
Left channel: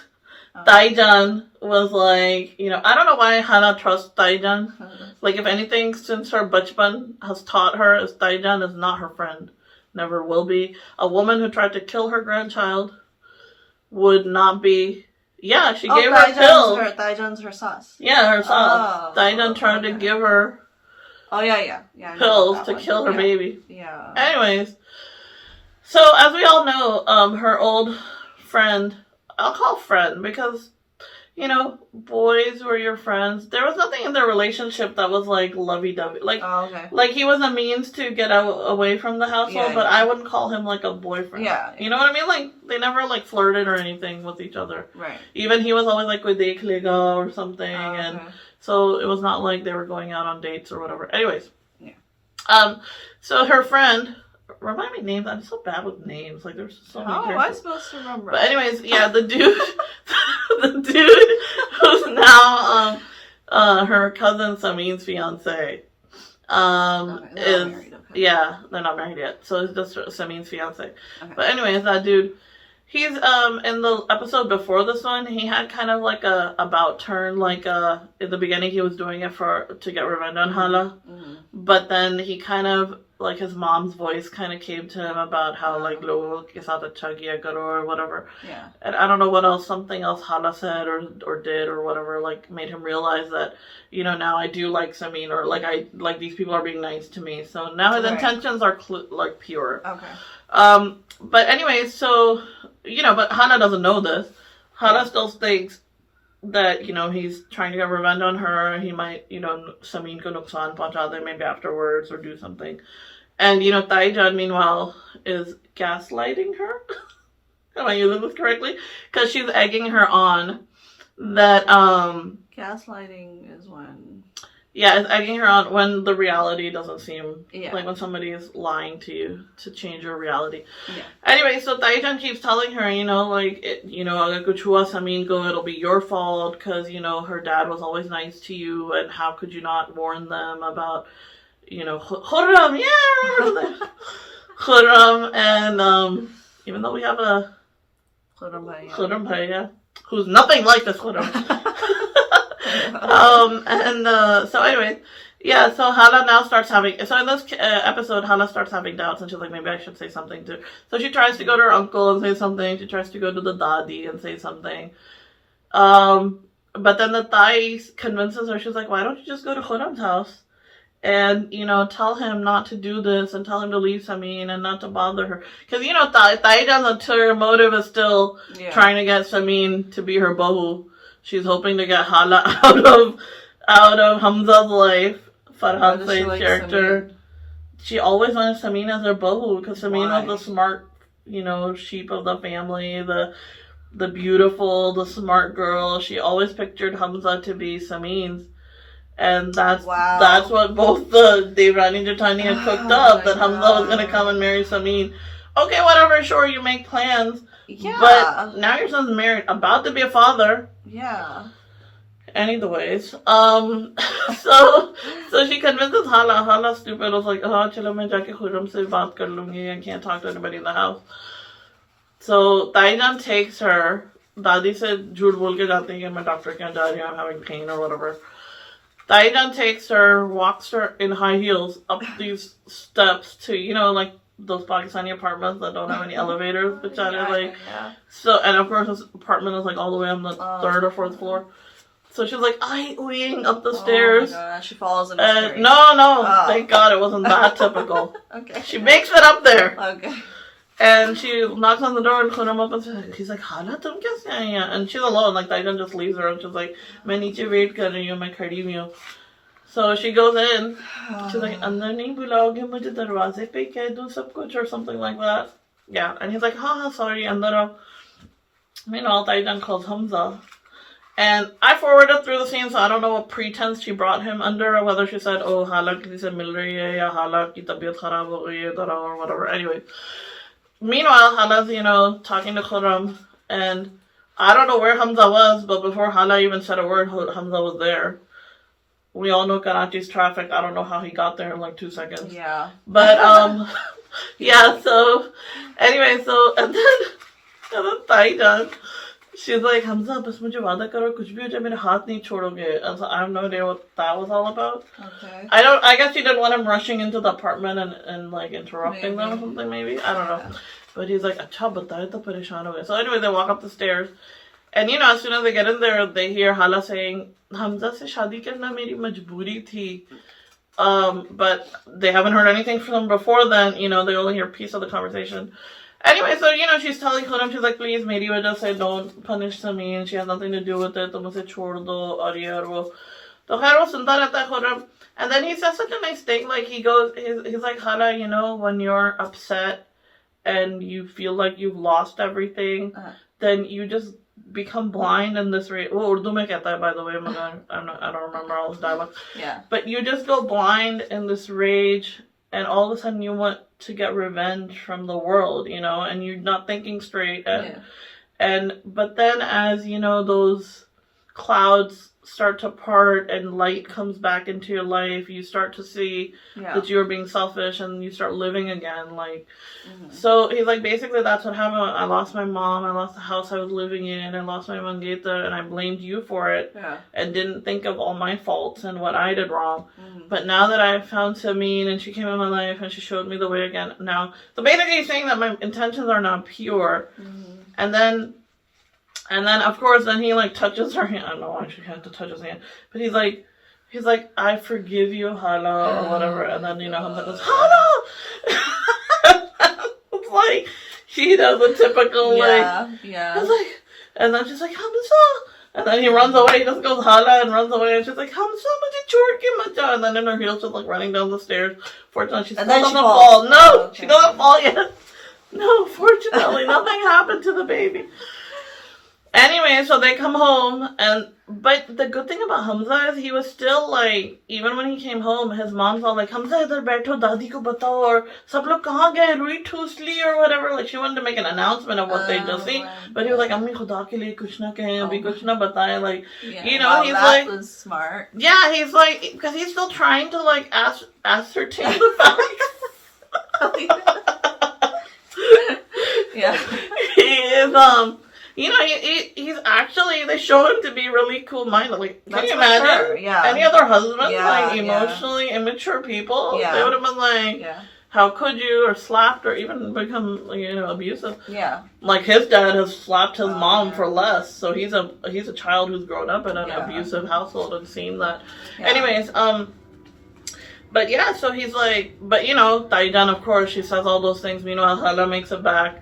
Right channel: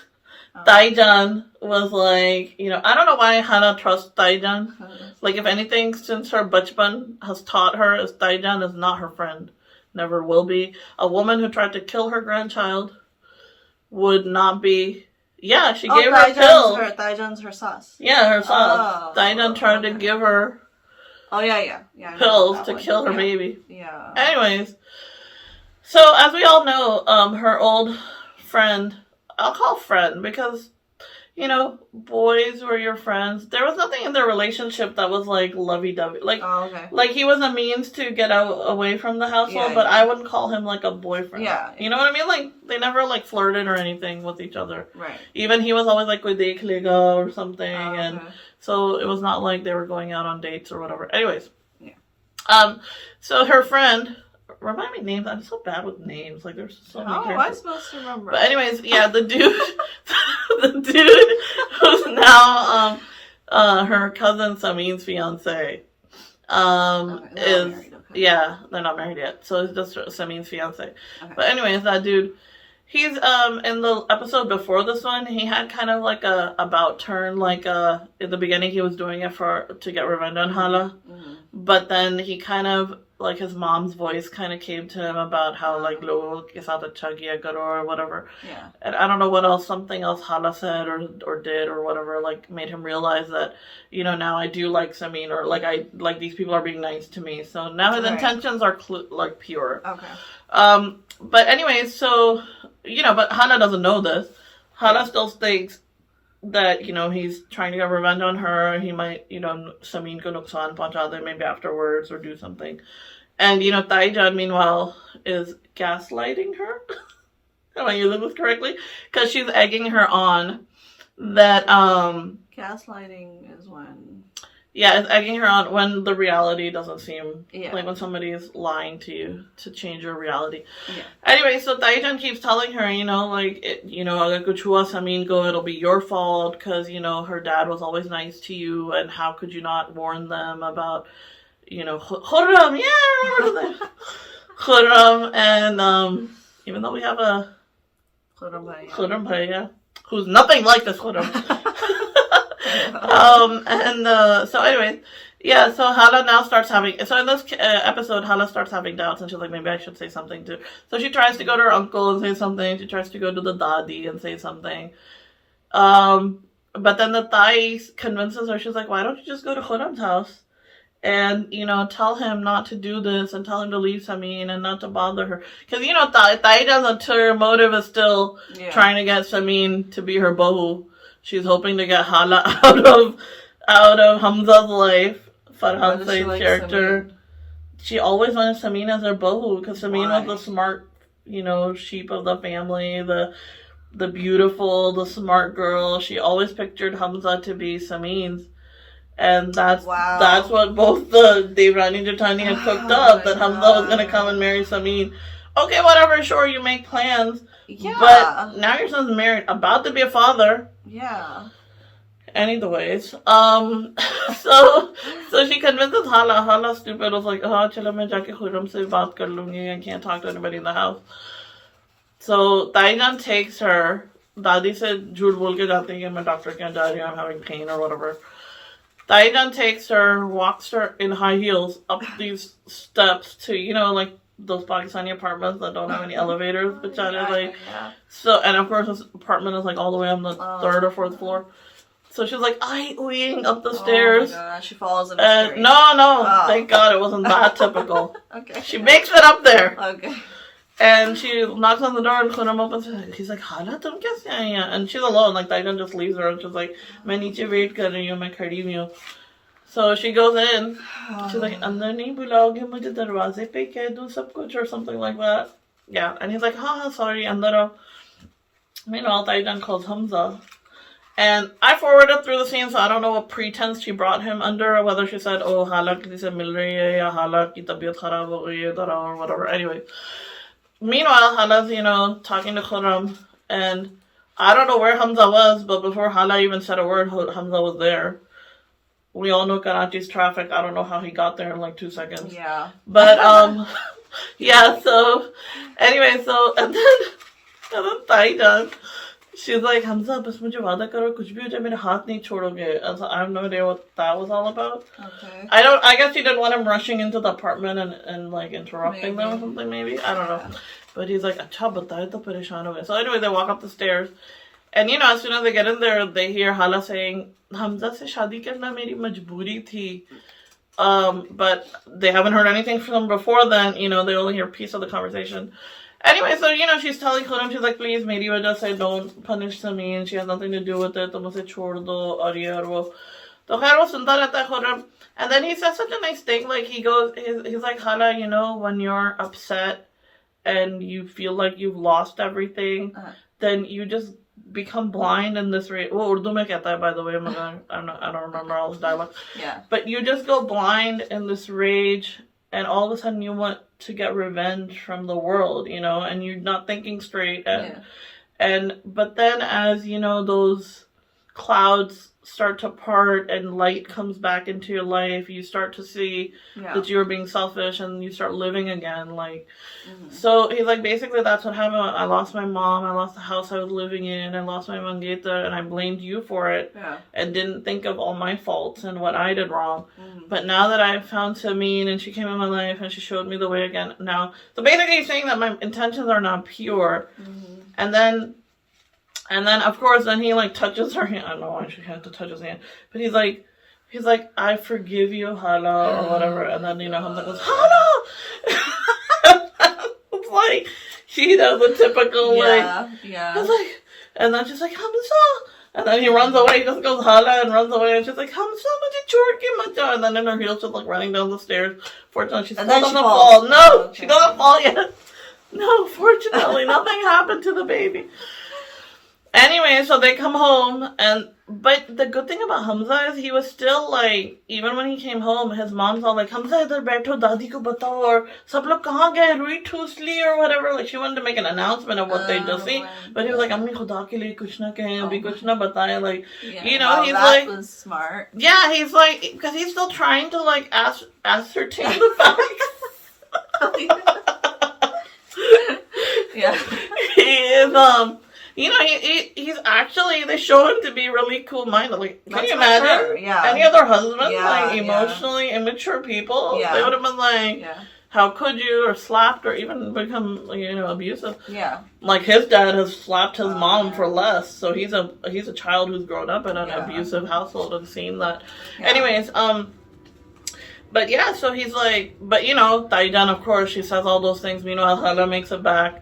Taejan was like, I don't know why Hana trusts Taejan. Like, if anything, since her bachpan has taught her is Taejan is not her friend. Never will be. A woman who tried to kill her grandchild would not be. Yeah, she gave her a pill. Taejan's her sauce. Yeah, her sauce. Taejan tried to give her pills to kill her baby. Yeah. Anyways, so as we all know, her old friend, I'll call friend because, boys were your friends. There was nothing in their relationship that was like lovey-dovey. Like, like he was a means to get away from the household, but I wouldn't call him like a boyfriend. Yeah. You know what I mean? Like, they never like flirted or anything with each other. Right. Even he was always like with dekh lega or something, and so it was not like they were going out on dates or whatever. Anyways. Yeah. So her friend. Remind me names. I'm so bad with names. Like, there's so many characters. How am I supposed to remember? But anyways, yeah, the dude, who's now her cousin Samin's fiance, yeah, they're not married yet. So it's just Samin's fiance. Okay. But anyways, that dude, he's in the episode before this one, he had kind of like a about turn. Like in the beginning, he was doing it to get revenge on Hala, but then he kind of. Like his mom's voice kind of came to him about how like logo ke saath acha kiya karo or whatever. Yeah. And I don't know what else, something else Hala said or did or whatever, like made him realize that, now I do like Samin, or like I like these people are being nice to me. So now his intentions are like pure. Okay. But anyways, so but Hana doesn't know this. Hana still thinks that he's trying to get revenge on her. He might Samin ko nuksan pahuncha de maybe afterwards or do something. And Taejan meanwhile is gaslighting her. Am I using this correctly? Because she's egging her on that gaslighting is when it's egging her on when the reality doesn't seem like when somebody is lying to you to change your reality. Yeah. Anyway, so Taejan keeps telling her, like agar kuch hua Samin ko, it'll be your fault because her dad was always nice to you, and how could you not warn them about Khurram? Yeah, remember that. Khurram, and even though we have a Khurram Bhaiya, who's nothing like this Khurram. So anyway, yeah, so Hala now starts having, so in this episode, Hala starts having doubts, and she's like, maybe I should say something too. So she tries to go to her uncle and say something, she tries to go to the Dadi and say something. But then the Thai convinces her, she's like, why don't you just go to Khurram's house? And, tell him not to do this and tell him to leave Samin and not to bother her. Because, Taejan's ulterior motive is still trying to get Samin to be her bahu. She's hoping to get Hala out of Hamza's life. Farhan Saeed's character. Samin? She always wanted Samin as her bahu because Samin was the smart, sheep of the family, the beautiful, the smart girl. She always pictured Hamza to be Samin's. And that's what both the Devrani and Jatani had cooked up, that Hamza was going to come and marry Samin. Okay, whatever, sure, you make plans. Yeah. But now your son's married, about to be a father. Yeah. Anyways, so she convinces Hala. Hala stupid was like, chalo main jaake Khurram se baat kar lungi. I can't talk to anybody in the house. So Taejan takes her. Dadi se jhoot bol ke jaate hain ki main doctor ke yahan ja rahi hu, I'm having pain or whatever. Taejan takes her, walks her in high heels up these steps to, like those Pakistani apartments that don't have any elevators, which are like, so, and of course this apartment is like all the way on the third or fourth floor. So she's like, oohing up the stairs. Oh my God, she falls in the street. No, thank God it wasn't that typical. Okay. She makes it up there. Okay. And she knocks on the door and Khurram opens it. He's like, Hala, tum kaise aayi hain? And she's alone. Like, Taijan just leaves her and she's like, main niche wait kar rahi hu, main khadi hui hu. So she goes in. She's like, andar nahi bulaoge mujhe darwaze pe keh do sab kuch or something like that. Yeah. And he's like, sorry, andar aao. Meanwhile, Taijan calls Hamza. And I forwarded through the scene, so I don't know what pretense she brought him under, or whether she said, oh, hala kisi se mil rahi hai, ya hala ki tabiyat kharab ho gayi hai, dara, or whatever. Anyway. Meanwhile, Hala's, talking to Khurram, and I don't know where Hamza was, but before Hala even said a word, Hamza was there. We all know Karachi's traffic. I don't know how he got there in like 2 seconds. Yeah. But, yeah, so, anyway, and then Taijan, she's like, Hamza, bas mujhe wada karo, kuch bhi ho jaye, mere haath nahi chodoge. And so I have no idea what that was all about. Okay. I guess she didn't want him rushing into the apartment and like interrupting them or something, maybe. I don't know. But he's like, acha bataye to pareshan ho gaye. So anyway, they walk up the stairs. And as soon as they get in there, they hear Hala saying, Hamza se shadi karna meri majboori thi. But they haven't heard anything from him before then. They only hear a piece of the conversation. Anyway, so, she's telling Khurram, she's like, please, meri wajah se don't punish Samin. She has nothing to do with it. Tum use chhod do, aur ye aur wo. So, khair, wo sunta rehta hai Khurram. And then he says such a nice thing. Like, he's like, Hala, when you're upset and you feel like you've lost everything, then you just become blind in this rage. Well, Urdu mein kehta hai, by the way. I don't remember all his dialogue. Yeah. But you just go blind in this rage, and all of a sudden you want to get revenge from the world, and you're not thinking straight. But then as, those clouds start to part and light comes back into your life, you start to see that you're being selfish and you start living again. Like, so he's like, basically that's what happened. I lost my mom, I lost the house I was living in, I lost my mangeeta, and I blamed you for it and didn't think of all my faults and what I did wrong. But now that I've found Samin and she came in my life and she showed me the way again now. So basically he's saying that my intentions are not pure. And then of course, then he like touches her hand. I don't know why she had to touch his hand, but he's like, I forgive you, Hala, or whatever. And then Hamza goes, Hala. It's like she does the typical It's like, and then she's like, Hamza. And then he runs away. He just goes Hala and runs away. And she's like, Hamza, mujhe chhod ke mat ja. And then in her heels, she's like running down the stairs. Fortunately, she still doesn't fall. No, she doesn't fall yet. No, fortunately, nothing happened to the baby. Anyway, so they come home, but the good thing about Hamza is he was still like, even when he came home, his mom's all like, Hamza, idhar baitho, dadi ko batao, or sab log kahan gaye, Rui Toosli, or whatever. Like, she wanted to make an announcement of what they just seen, but he was like, Ammi khuda ke liye kuch na kahe, abhi kuch na bataye, like, he's that like, was smart. Yeah, he's like, because he's still trying to like ascertain the facts. He is, he's actually, they show him to be really cool-minded. Like, can you imagine any other husband, like, emotionally immature people? They would have been like, how could you, or slapped, or even become, abusive. Like, his dad has slapped his mom for less, so he's a child who's grown up in an abusive household and seen that. Anyways, but yeah, so he's like, but Taijan, of course, she says all those things. Meanwhile, Hala makes it back.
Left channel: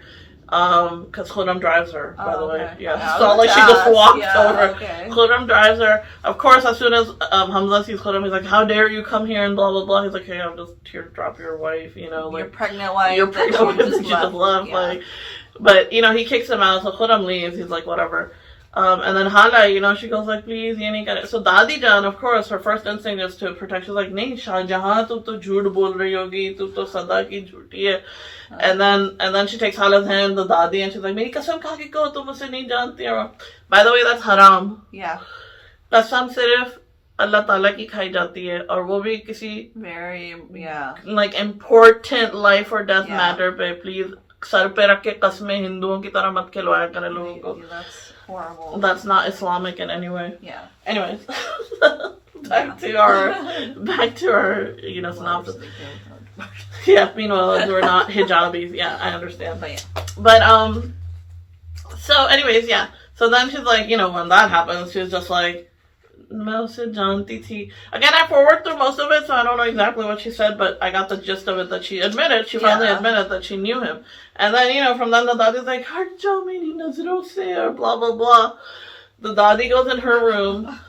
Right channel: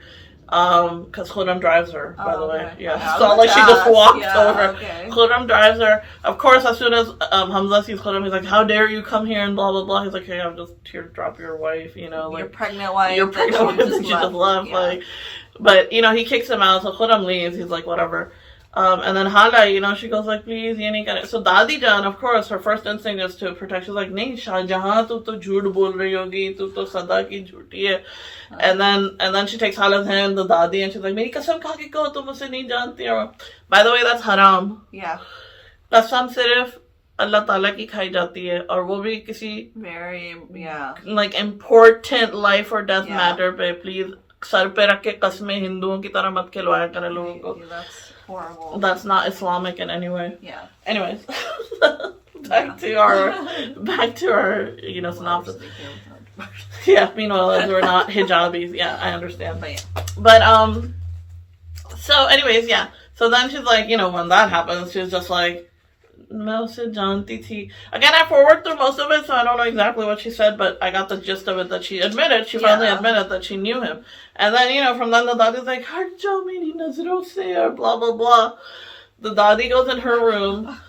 Because Khurram drives her, by the way. Yeah, it's not like she just walked over. Khurram drives her. Of course, as soon as Hamza sees Khurram, he's like, how dare you come here and blah, blah, blah. He's like, hey, I'm just here to drop your wife, like. Your pregnant wife. Your pregnant wife that you just left. Like, but, he kicks him out, so Khurram leaves. He's like, whatever. And then Hala, she goes like, please, ye nahi kare. So Dadi Jan, of course, her first instinct is to protect. She's like, nahi, Shahjahan, tu to jhoot bol rahi hogi, tu to sada ki jhooti hai. And then she takes Hala's hand, the Dadi, and she's like, meri kasam kha ke kaho, tum use nahi janti ho. By the way, that's haram. Yeah. Kasam sirf Allah Ta'ala ki khai jati hai, aur wo bhi kisi very, like important life or death matter pe, please, sar pe rakh ke kasmein Hinduon ki tarah mat khilwaya kare logon ko. That's horrible. That's not Islamic in any way. Yeah. Anyways, back to our synopsis. Yeah, meanwhile, we're not hijabis. Yeah, I understand. But so anyways, yeah. So then she's like, when that happens, she's just like, मैं उसे जानती थी. Again, I forward through most of it, so I don't know exactly what she said, but I got the gist of it that she finally admitted that she knew him. And then, you know, from then the dadi's like, "Har jao meri nazaron se," or blah, blah, blah. The dadi goes in her room.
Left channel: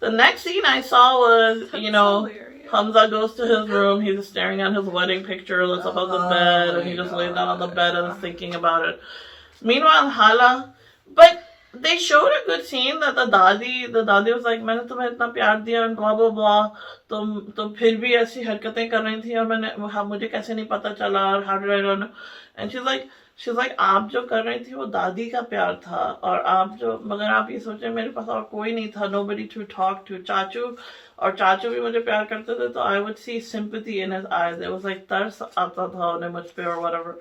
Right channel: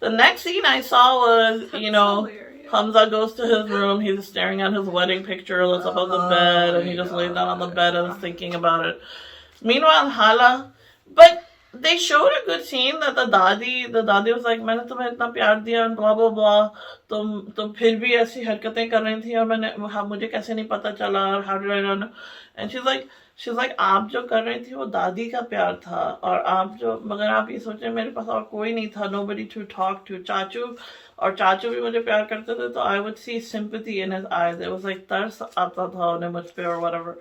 The next scene I saw was, you know, Hamza goes to his room. He's staring at his wedding picture. That's above the bed, and he just lays down on the bed and is thinking about it. Meanwhile, Hala, but they showed a good scene that the dadi was like, मैंने तुम्हें इतना प्यार दिया and blah blah blah. तुम फिर भी ऐसी हरकतें कर रही थी और मुझे कैसे नहीं पता चला? How did I not know? And she's like, आप जो कर रही थी वो दादी का प्यार था और मगर आप ये सोचे मेरे पास और कोई नहीं था, nobody to talk to. चाचू भी मुझे प्यार करते थे, तो I would see sympathy in his eyes. It was like तरस आता था उन्हें मुझ पे or whatever.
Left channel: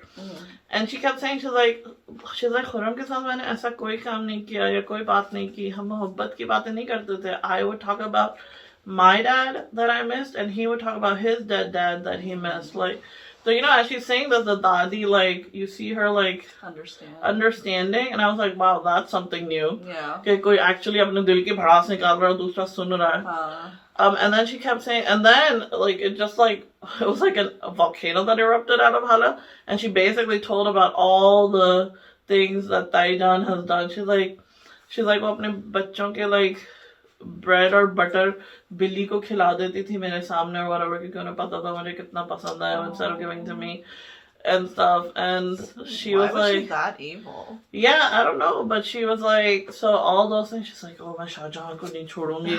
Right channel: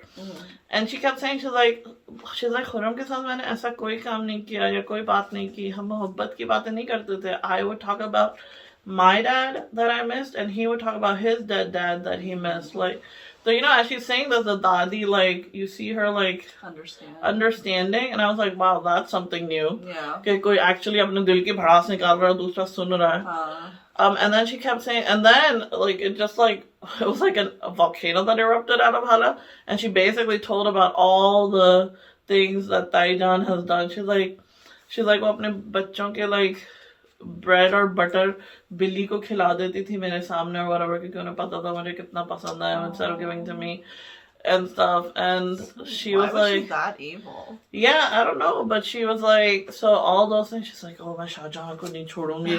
And she kept saying, she's like Khurram के साथ मैंने ऐसा कोई काम नहीं किया या कोई बात नहीं की, हम मोहब्बत की बातें नहीं करते थे. I would talk about my dad that I missed, and he would talk about his dead dad that he missed. Like, so, you know, as she's saying that, the dadi, like, you see her, like, understanding, and I was like, wow, that's something new. Yeah. कि कोई actually अपने दिल की भड़ास निकाल रहा है, दूसरा सुन रहा है. And then she kept saying, and then, like, it just, like, it was like a volcano that erupted out of Hala, and she basically told about all the things that Taijan has done. She's like, वो अपने बच्चों के, like, bread और butter बिल्ली को खिला देती थी मेरे सामने or whatever, क्योंकि उन्हें पता था मुझे कितना पसंद है, instead of giving to me and stuff. And she was like, she that evil? Yeah, I don't know, but she was like, so all those things, she's like, oh, मैं शाहजहां को नहीं छोड़ूंगी.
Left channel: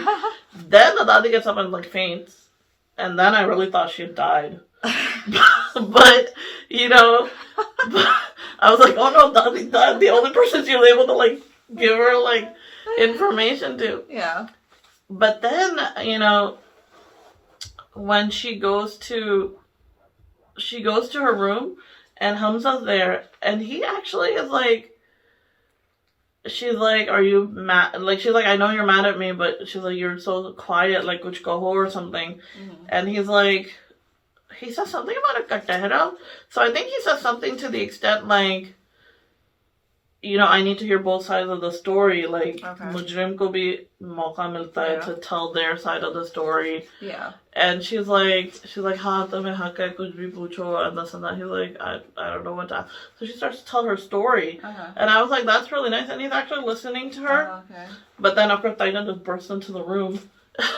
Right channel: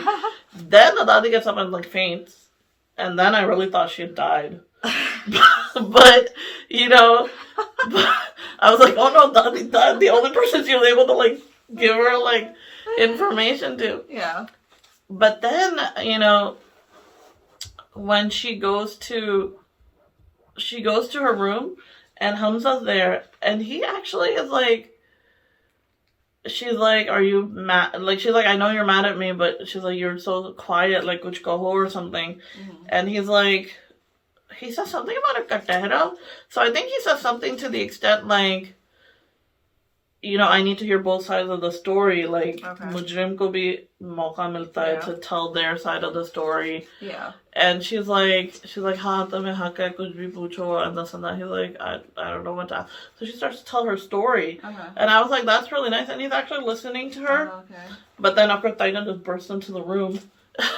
Then the dadi gets up and like faints, and then I really thought she had died. But you know, I was like, oh no, dadi died. The only person she was able to like give her like information to. Yeah. But then, you know, when she goes to her room and Hamza's there, and he actually is like, she's like, are you mad? Like, she's like, I know you're mad at me, but she's like, you're so quiet, like kuch kaho or something. And he's like, he says something about a katehra. So I think he says something to the extent like, you know, I need to hear both sides of the story. Like, mujrim ko bhi mauka milta hai to tell their side of the story. Yeah. And she's like, हाँ तुम्हें हक है कुछ भी पूछो and this and that. He's like, I don't know what to ask. So she starts to tell her story. And I was like, that's really nice. And he's actually listening to her. But then after Taina just bursts into the room.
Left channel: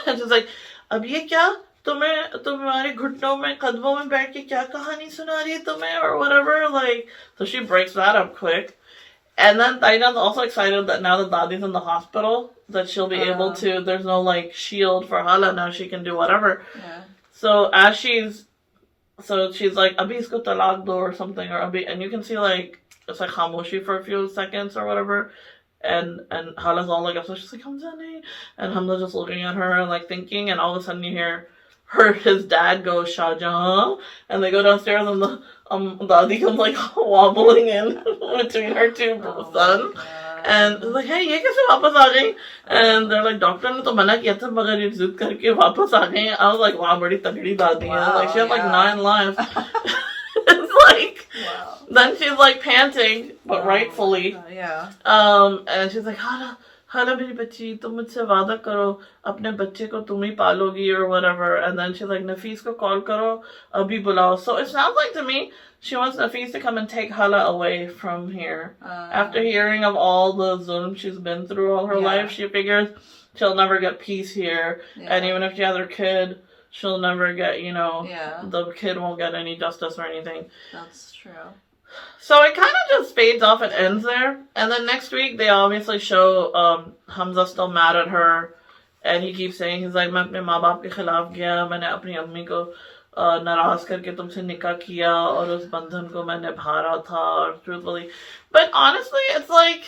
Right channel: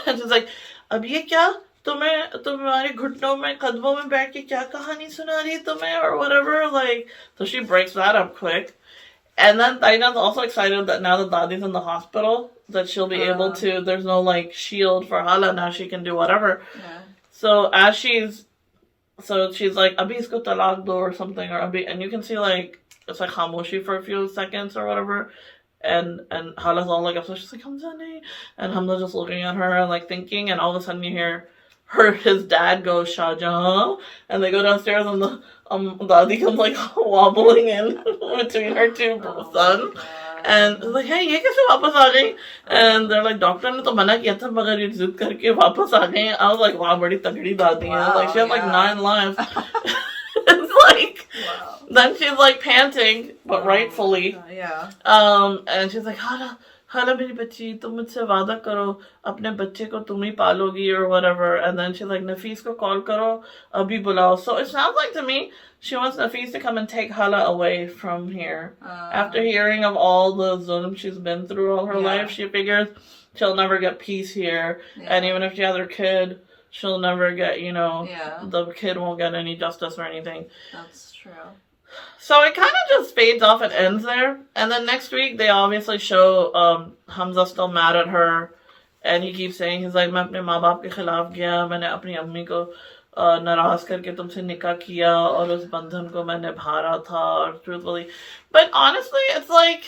And she's like, अब ये क्या? तुम्हारे घुटनों में कदमों में बैठ के क्या कहानी सुना रही है तुम्हें or whatever. Like, so she breaks that up quick. And then Taina's also excited that now that Dadi's in the hospital, that she'll be able to, there's no like shield for Hala, now she can do whatever. Yeah. So she's like, Abhi isko talaq do or something, or Abhi, and you can see like, it's like khamoshi for a few seconds or whatever. And Hala's all like, so she's like, Hamza nahi. And Hamza's just looking at her and like thinking, and all of a sudden you hear his dad goes, Shahjahan, and they go downstairs and the Dadi comes like wobbling in between her two sons. And it's like, hey, ये कैसे वापस आ गई? And they're like, doctor ने तो मना किया था मगर ये जिद करके वापस आ गए. I was like, wow, बड़ी तगड़ी दादी है. Like, she had like 9 lives. It's like, then she's like panting, but rightfully. Yeah. And she's like, हाला मेरी बच्ची, तुम मुझसे वादा करो अपने बच्चे को तुम ही पालोगी or whatever. And then she's like, Nafis को call करो अभी बुलाओ. So it sounds like to me she wants Nafis to come and take Hala away from here. After hearing of all the zulm she's been through all her life, she figures she'll never get peace here. And even if she has her kid, she'll never get, you know, the kid won't get any justice or anything. That's true. So it kind of just fades off and ends there. And then next week, they obviously show Hamza still mad at her. And he keeps saying, he's like, मैं अपने माँ बाप के खिलाफ गया, मैंने अपनी अम्मी को नाराज करके तुमसे निकाह किया और उस बंधन को मैं निभा रहा था और truthfully. But honestly, it's like,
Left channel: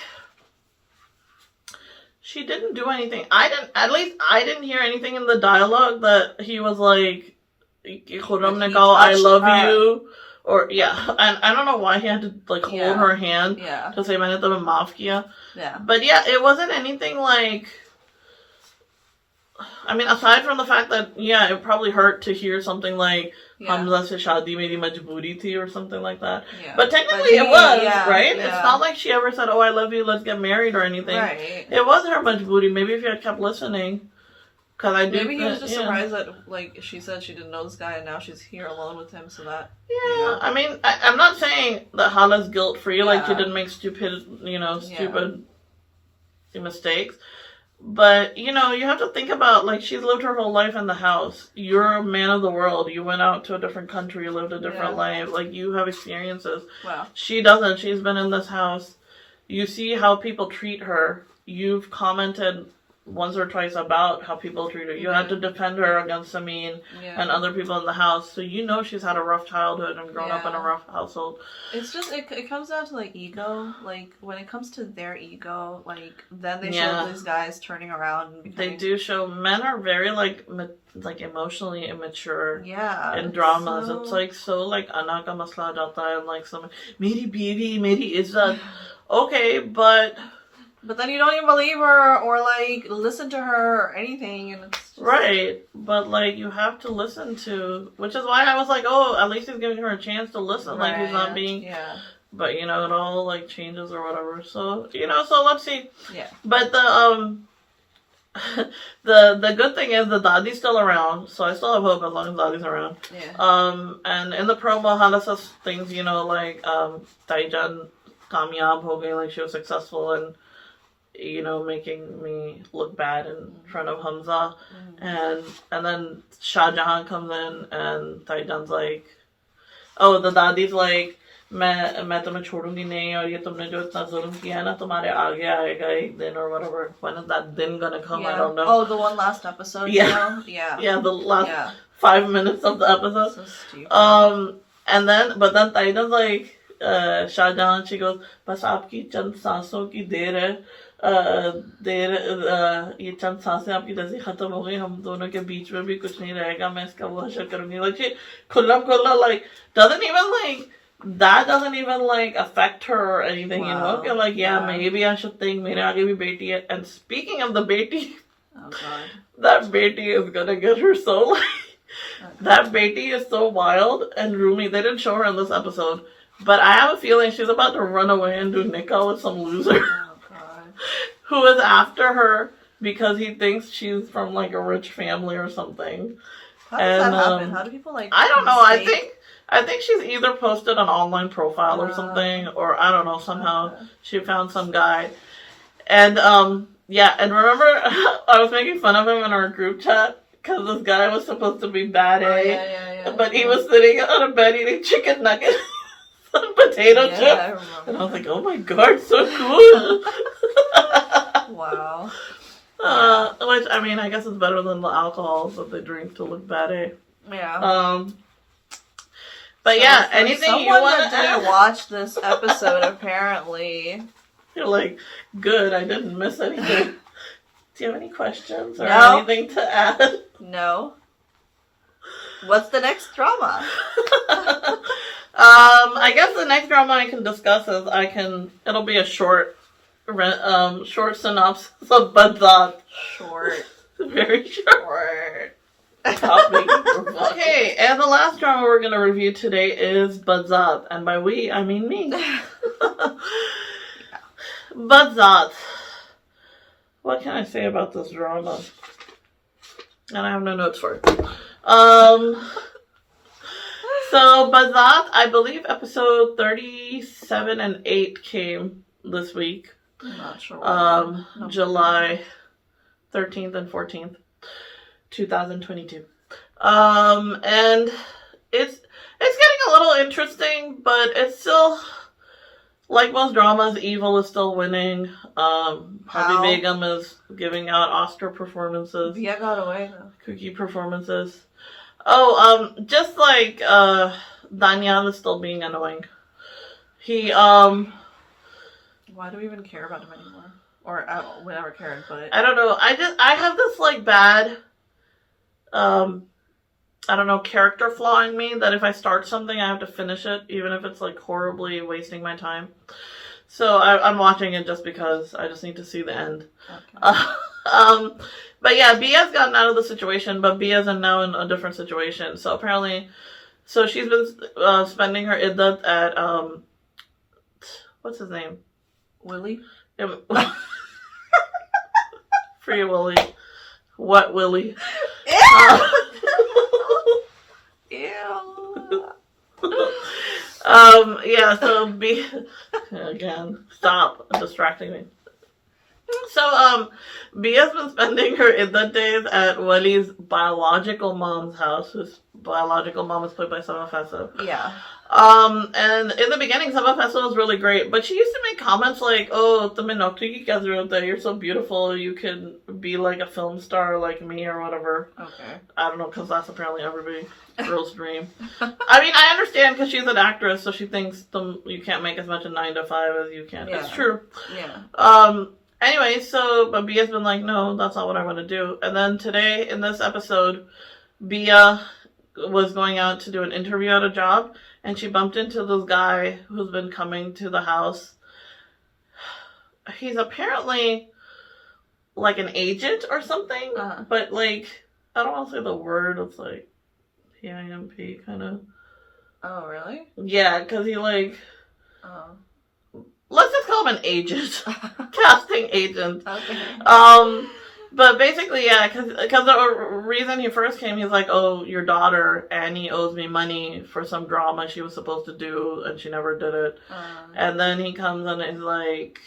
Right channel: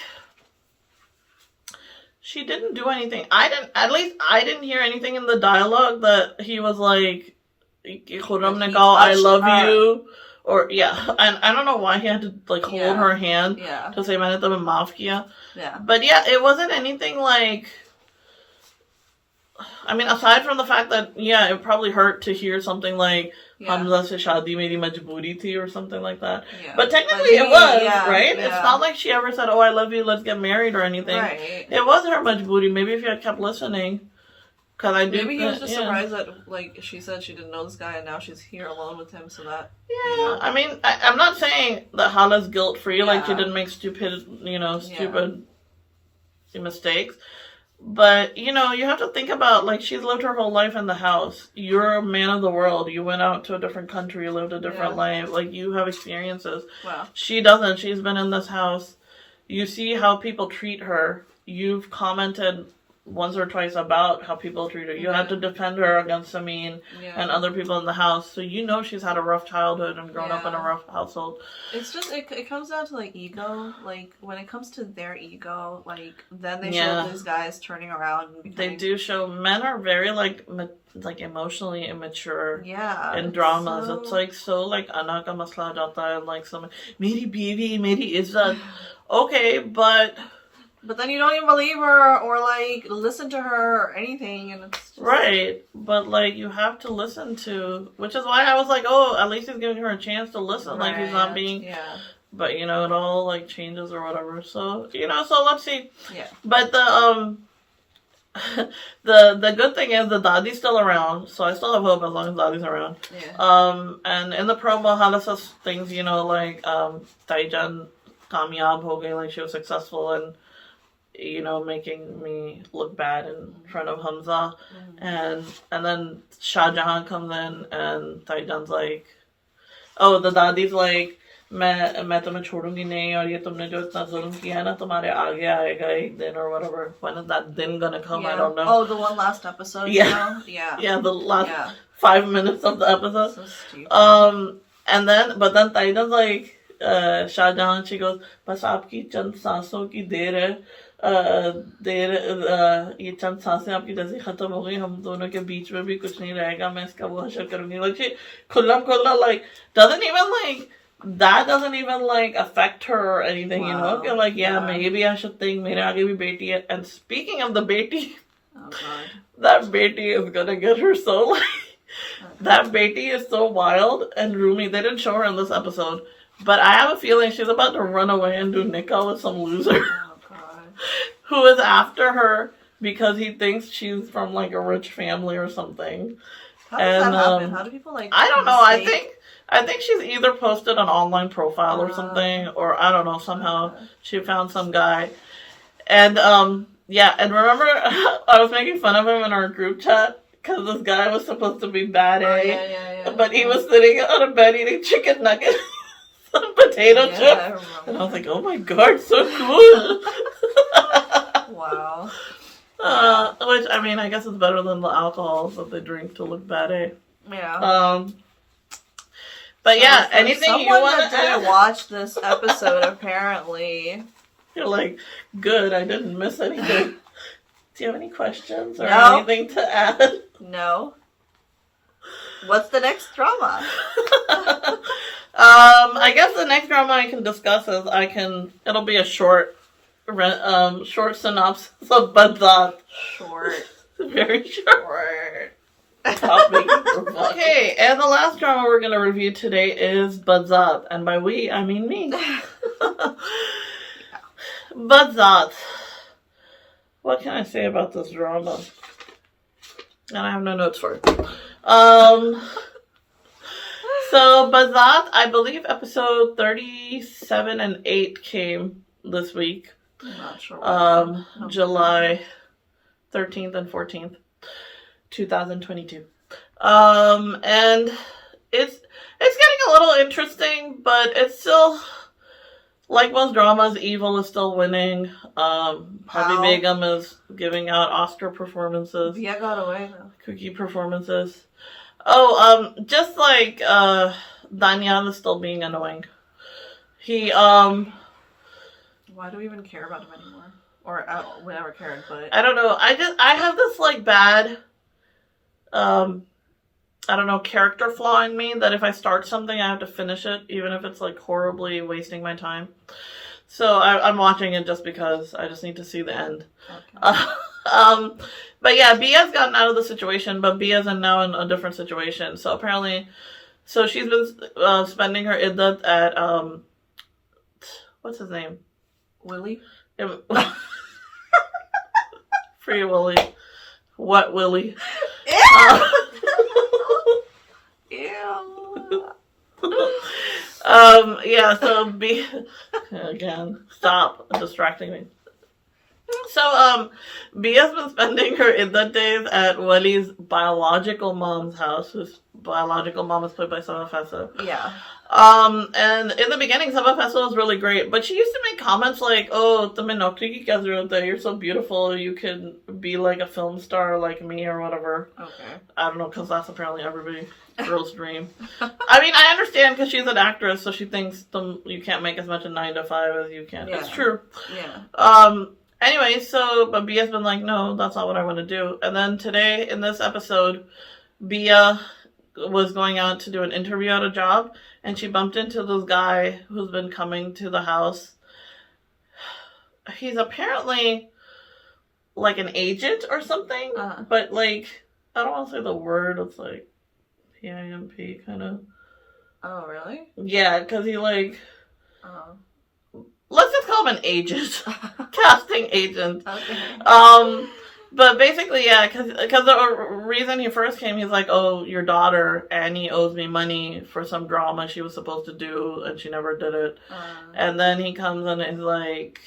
she didn't do anything. At least I didn't hear anything in the dialogue that he was like, Khurram ne kaha, I love you. Or, and I don't know why he had to, like, hold her hand to say, maine tumhe maaf kiya. But, it wasn't anything, like, I mean, aside from the fact that, it probably hurt to hear something like, Hamza se shaadi meri majboori thi or something like that. Yeah. But technically it was, right? Yeah. It's not like she ever said, oh, I love you, let's get married or anything. Right. It was her majboori. Maybe if you had kept listening. Cause I Maybe he was just surprised that, like, she said she didn't know this guy and now she's here alone with him, so that... Yeah, you know. I mean, I'm not saying that Hala's guilt-free, like she didn't make stupid mistakes. But, you know, you have to think about, like, she's lived her whole life in the house. You're a man of the world. You went out to a different country, you lived a different life. Like, you have experiences. Wow. She doesn't. She's been in this house. You see how people treat her. You've commented once or twice about how people treat her. You had to defend her against Samin and other people in the house. So you know she's had a rough childhood and grown up in a rough household. It's just, it comes down to, like, ego. Like, when it comes to their ego, like, then they show these guys turning around and becoming... They do show men are very, like emotionally immature in dramas. So... It's, like, so, like, ana ka masla jata hai, and, like, some, meri biwi, meri izzat. Okay, but then you don't even believe her or, like, listen to her or anything. And it's just... Right. But, like, you have to listen to... Which is why I was like, oh, at least he's giving her a chance to listen. Like, he's not being... Yeah. But, you know, it all, like, changes or whatever. So, you know, so let's see. Yeah. But the good thing is the Dadi's still around. So I still have hope as long as Dadi's around. Yeah. And in the promo, Hala says things, you know, like, Taijan kamyab ho gayi, like, she was successful and... you know, making me look bad in front of Hamza. And then Shah Jahan comes in and Taijan's like, oh, the Dadi's like, मैं तुम्हें छोड़ूंगी नहीं और ये तुमने जो इतना जुल्म किया है ना तुम्हारे आगे आएगा एक दिन or whatever. When is that din gonna come? I don't know. Oh, the one last episode, you know? Yeah. Yeah, the last 5 minutes of the episode. So stupid. But then Taijan's like, Shah Jahan, she goes, बस आपकी चंद सांसों की देर है. ये चंद सांसें आपकी जैसे खत्म हो गई हम दोनों के बीच में भी कुछ नहीं रहेगा मैं इसका वो हशर करूंगी like she खुल्ला like doesn't even like affect her or anything. You know, okay, like maybe I should think मेरे आगे भी बेटी है. And speaking of the beti, oh god, that beti is gonna get her so like that beti is so wild and roomy. They didn't show her in this episode, but I have a feeling she's about to run away and do nikah with some loser. Who is after her because he thinks she's from like a rich family or something. How does that happen? How do people like... I don't know. I think she's either posted an online profile or something, or I don't know, somehow she found some guy. And and remember I was making fun of him in our group chat because this guy was supposed to be bad A, but he was sitting on a bed eating chicken nuggets. Some potato chips. And I was like, oh my god, so cool. Wow. Which, I mean, I guess it's better than the alcohol that they drink to look bad, eh? Yeah. But yeah, anything you want to watch this episode, apparently. You're like, good, I didn't miss anything. Do you have any questions or anything to add? No. What's the next drama? I guess the next drama I can discuss is it'll be a short synopsis of Badzaat. Short. Very short. Okay, and the last drama we're going to review today is Badzaat. And by we, I mean me. Badzaat. What can I say about this drama? And I have no notes for it. So, Badzaat, I believe episode 37 and 8 came this week. I'm not sure. July 13th and 14th, 2022. And it's getting a little interesting, but it's still, like most dramas, evil is still winning. Harvey Begum is giving out Oscar performances. Yeah, got away though. Cookie performances. Just like, Daniel is still being annoying. He, why do we even care about him anymore? Or, we never cared, but... I don't know. I have this, like, bad, I don't know, character flaw in me that if I start something, I have to finish it, even if it's, like, horribly wasting my time. So, I'm watching it just because I just need to see the end. Okay. But yeah, Bia's gotten out of the situation, but Bia's now in a different situation. So apparently, So she's been spending her iddat at what's his name? Willie? Free Willy. What Willy? Ew. Yeah, so again, stop distracting me. So, Bia's been spending her iddat days at Wali's biological mom's house, whose biological mom is played by Sama Fessa. Yeah. And in the beginning, Sama Fessa was really great, but she used to make comments like, "Oh, you're so beautiful, you can be like a film star like me," or whatever. Okay. I don't know, because that's apparently every girl's dream. I mean, I understand because she's an actress, so she thinks you can't make as much in 9 to 5 as you can. Yeah. It's true. Yeah. Anyway, so, but Bia's been like, no, that's not what I want to do. And then today, in this episode, Bia was going out to do an interview at a job, and she bumped into this guy who's been coming to the house. He's apparently like an agent or something, but like, I don't want to say the word, it's like PIMP kind of. Oh, really? Yeah, because he like... Oh. Let's just call him an agent. Casting agent. Okay. But basically, yeah, because the reason he first came, he's like, "Oh, your daughter, Annie, owes me money for some drama she was supposed to do, and she never did it." And then he comes in and he's like,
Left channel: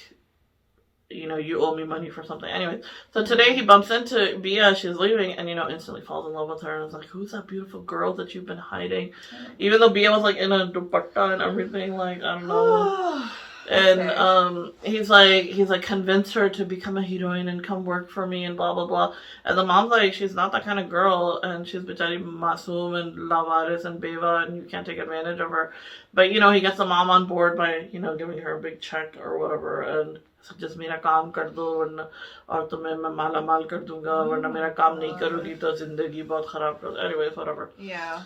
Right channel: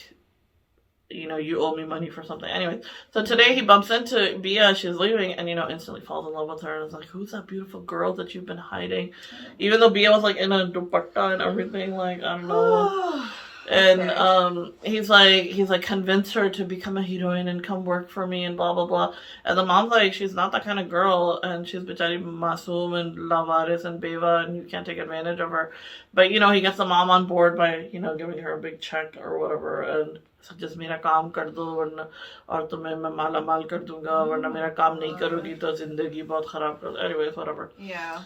"You owe me money for something." Anyway, so today he bumps into Bia, she's leaving, and, instantly falls in love with her, and is like, "Who's that beautiful girl that you've been hiding?" Even though Bia was, like, in a dupatta and everything, like, I don't know. And he's like convince her to become a heroine and come work for me and blah blah blah. And the mom's like, she's not that kind of girl, and she's bichari masoom and lavaris and beva, and you can't take advantage of her. But he gets the mom on board by giving her a big check or whatever, and so just mera kaam kar do warna aur tumhe main mala mal kar dunga warna mera kaam nahi karogi to zindagi bahut kharab kar. Anyways, whatever. Yeah.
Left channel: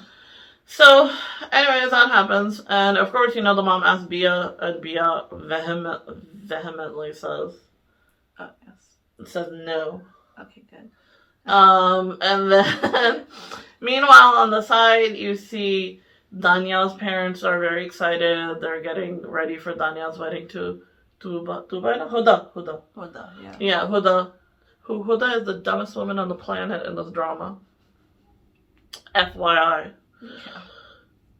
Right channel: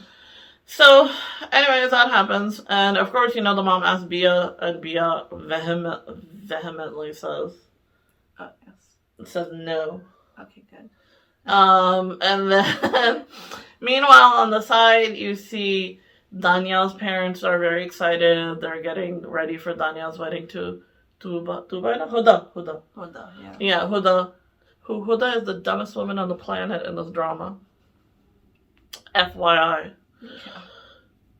So, anyways, that happens. And, of course, the mom asks Bia, and Bia vehemently says... Oh, yes. It says no. Okay, good. And then, meanwhile, on the side, you see Danielle's parents are very excited. They're getting ready for Danielle's wedding to Huda, yeah. Yeah, Huda. Huda is the dumbest woman on the planet in this drama. FYI. Yeah.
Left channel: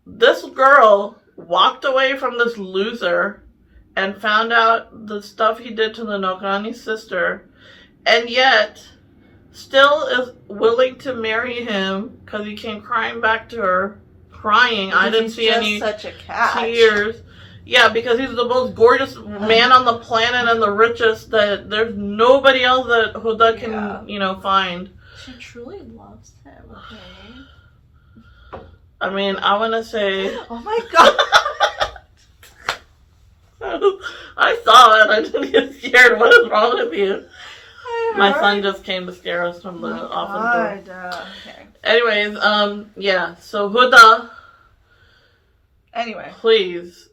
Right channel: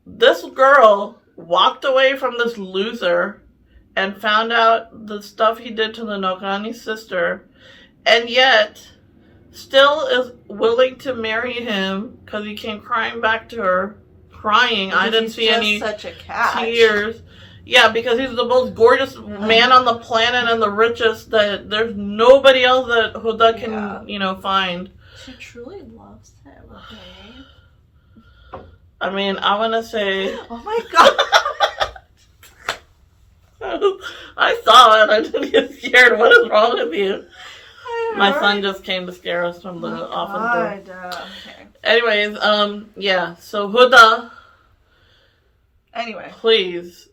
This girl walked away from this loser and found out the stuff he did to the Nokrani's sister, and yet still is willing to marry him because he came crying back to her, crying. Because I didn't see any such a catch. tears. Yeah, because he's the most gorgeous man on the planet and the richest, that there's nobody else that Huda can, find. She truly loves him, okay? I mean, I want to say... Oh my god! I saw it. I didn't get scared. What is wrong with you? My son just came to scare us from the office door. Okay. Anyways, yeah. So Huda... Anyway. Please,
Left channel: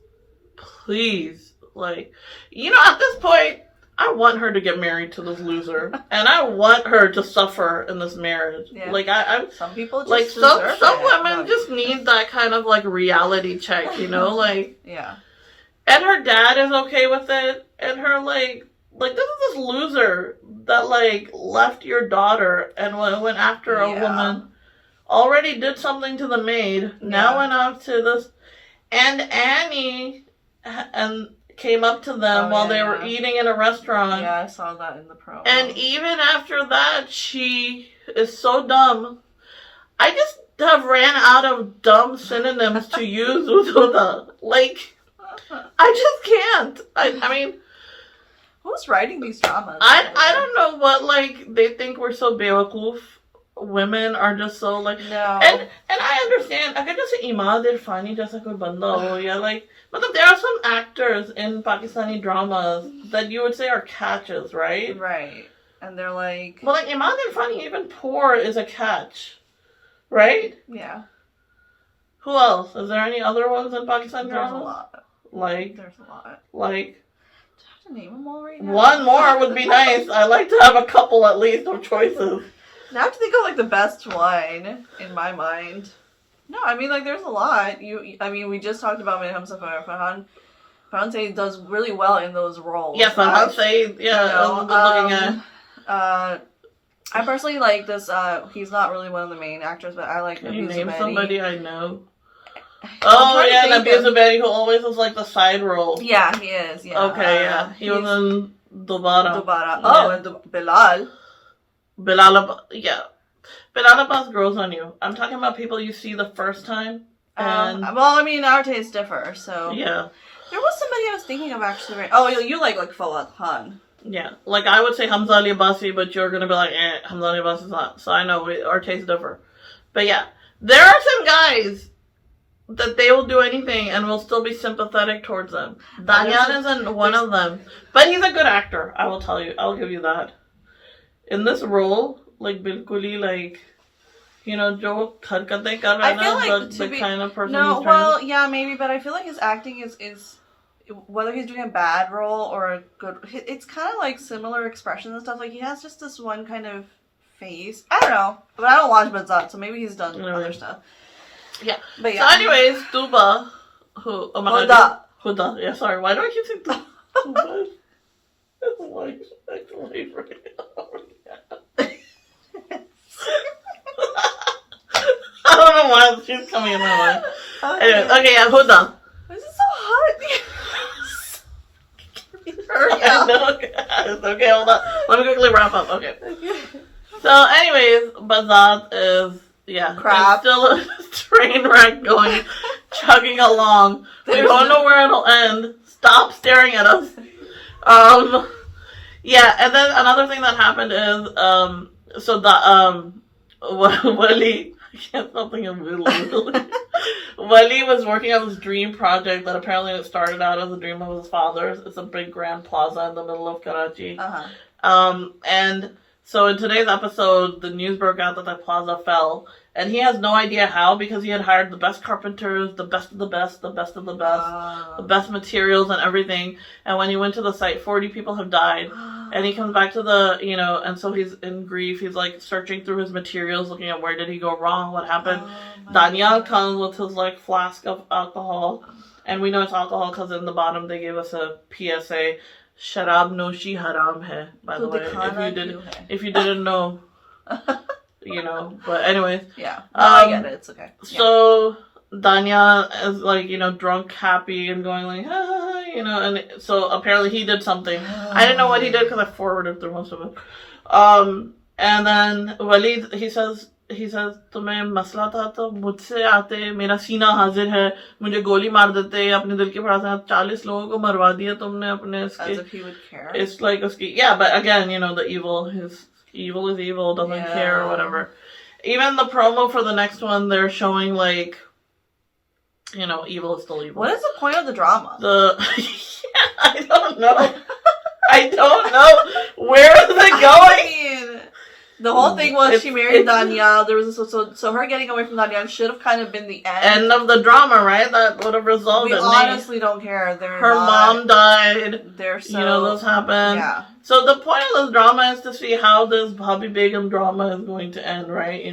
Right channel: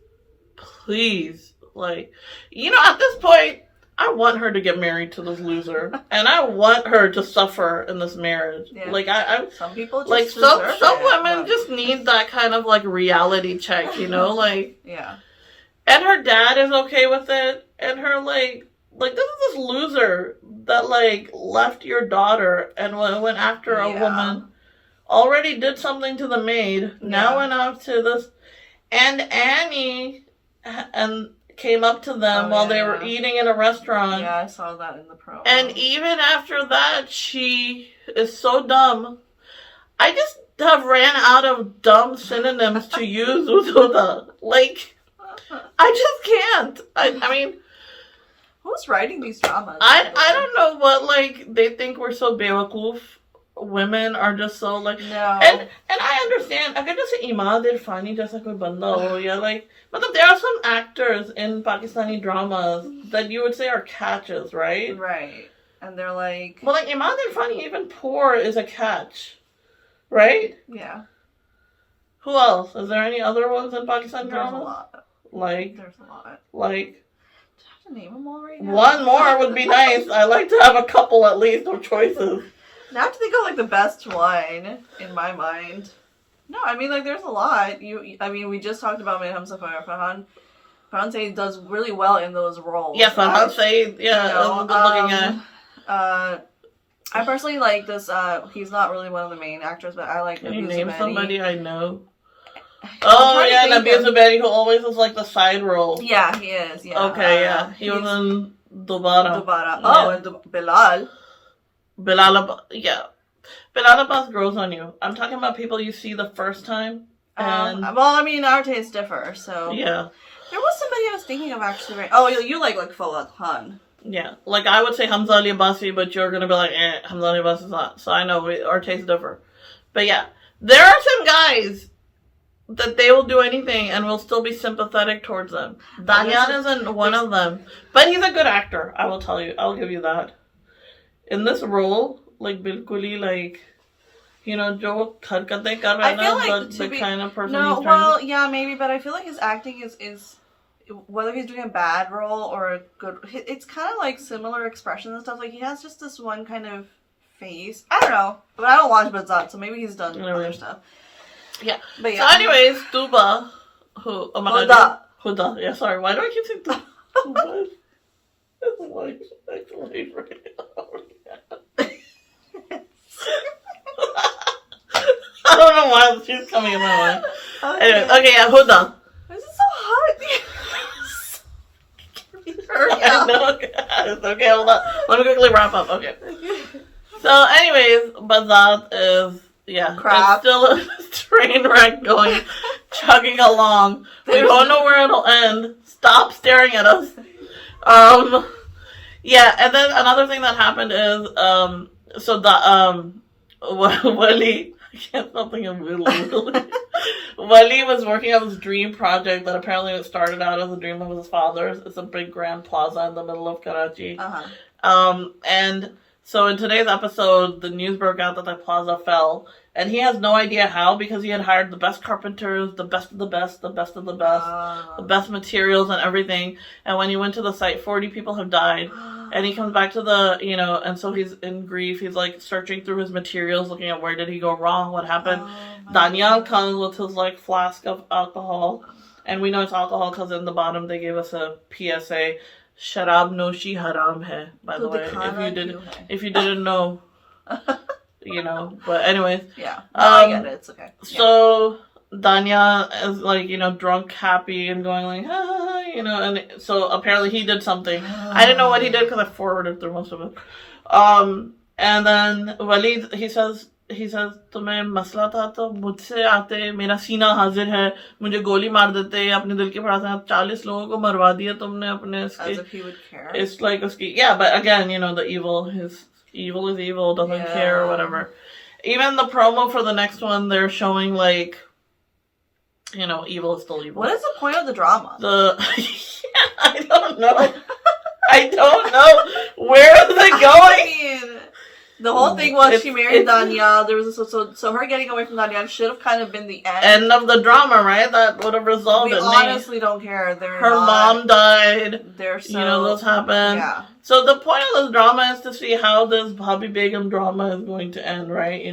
like... at this point, I want her to get married to this loser, and I want her to suffer in this marriage. Yeah. Like some people just like deserve some it, women just need that kind of like reality check, like yeah. And her dad is okay with it, and her like this is this loser that like left your daughter and went after a woman, already did something to the maid, now went out to this, and Annie and came up to them while they were eating in a restaurant. Yeah, I saw that in the promo. And even after that, she is so dumb. I just have ran out of dumb synonyms to use with Huda. Like, I just can't. I mean... Who's writing these dramas? I don't know what, like, they think we're so bewakoof. Women are just so, like... No. And I understand. I could just say, Imad Irfani jaisa koi banda ho, yeah, like... But there are some actors in Pakistani dramas that you would say are catches, right? Right. And they're like... Well, like, Imad Irfani, even poor, is a catch. Right? Yeah. Who else? Is there any other ones in Pakistani dramas? There's a lot. Like... There's a lot. Like... Do I have to name them all right now? One more would be nice. I like to have a couple, at least, of choices. Now I have to think of, like, the best one, in my mind. No, I mean, like, there's a lot. We just talked about Humsafar. Farhan Say does really well in those roles. Yes, Farhan Say, yeah, good looking guy. I personally like this. He's not really one of the main actors, but I like. Can you name somebody I know? Nabi Zubairi, who always has like the side role. Yeah, he is. Yeah. Okay, yeah. He was in Dobara. Oh, and Bilal. Bilal Abbas grows on you. I'm talking about people you see the first time. And our tastes differ, so. Yeah. There was somebody I was thinking of actually. Right? Oh, you like Fawad Khan. Yeah. Like, I would say Hamza Ali Abbasi, but you're going to be like, Hamza Ali Abbasi is not. So I know our tastes differ. But yeah. There are some guys that they will do anything and we'll still be sympathetic towards them. Danyan isn't one of them. But he's a good actor, I will tell you. I'll give you that. In this role, like, bilkuli, like, you know, jo harkatein kar raha hai, the kind of person he's trying to... yeah, maybe, but I feel like his acting is whether he's doing a bad role or a good... It's kind of like similar expressions and stuff. Like, he has just this one kind of face. I don't know. But I don't watch Badzaat, so maybe he's done other stuff. Yeah. But yeah. So anyways, Tuba, who... Huda. Yeah, sorry. Why do I keep saying Tuba? Tuba. I don't know why she's coming in my mind. Okay, yeah, Huda. This is so hot. Hurry up. It's okay, hold on. Let me quickly wrap up. Okay. So, anyways, Badzaat is, crap. Still a train wreck going, chugging along. We don't know where it'll end. Stop staring at us. Yeah, and then another thing that happened is, Wali, I can't stop thinking of Wali. Wali was working on this dream project that apparently it started out as a dream of his father's. It's a big grand plaza in the middle of Karachi. And so in today's episode, the news broke out that the plaza fell. And he has no idea how, because he had hired the best carpenters, the best of the best, the best of the best, the best materials and everything. And when he went to the site, 40 people have died. And he comes back to and so he's in grief. He's like searching through his materials, looking at where did he go wrong, what happened. Daniel comes with his like flask of alcohol. And we know it's alcohol because in the bottom they gave us a PSA. Sharab noshi haram hai, by the way. If you didn't know. But anyways. Yeah. I get it. It's okay. So, Danya is like, drunk, happy, and going like, and so apparently he did something. I didn't know what he did because I forwarded through most of it. And then Walid, he says, तुम्हें मसला था तो मुझसे आते, मेरा सीना हाजिर है, मुझे गोली मार देते, अपने दिल के फड़ासे 40 लोगों को मरवा दिया तुमने अपने इसके. As if he would care. It's like, but again, the evil, evil is evil, doesn't care or whatever. Even the promo for the next one, they're showing like, evil is still evil. What is the point of the drama? I don't know. I don't know. Where is it going? The whole thing was she married Daniel. There was so her getting away from Daniel should have kind of been the end of the drama, right? That would have resolved it. We honestly don't care. Her mom died. Those happened. Yeah. So the point of this drama is to see how this Bhabhi Begum drama is going to end, right?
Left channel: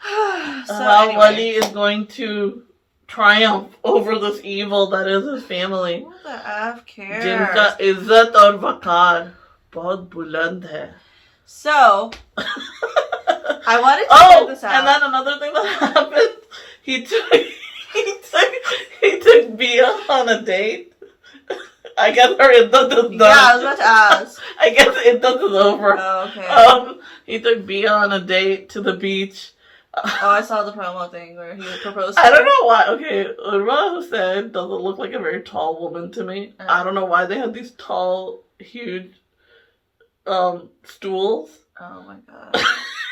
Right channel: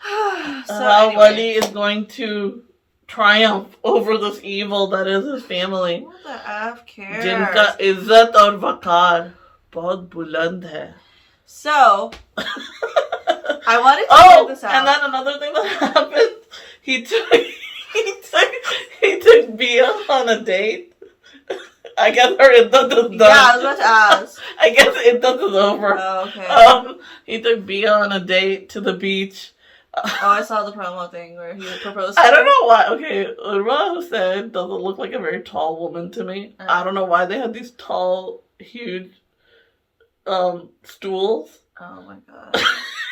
How Wali is going to triumph over this evil that is his family. Who the F cares? Jinka izzat aur waqar bahut buland hai. So, I wanted to point this out. And then another thing that happened, he took Bia on a date. I guess her iddat is done. Yeah, I was about to ask. I guess iddat is over. Oh, okay. He took Bia on a date to the beach. I saw the promo thing where he proposed. I don't know why. Okay, Urwa Hussain doesn't look like a very tall woman to me. I don't know why they had these tall, huge stools. Oh my god.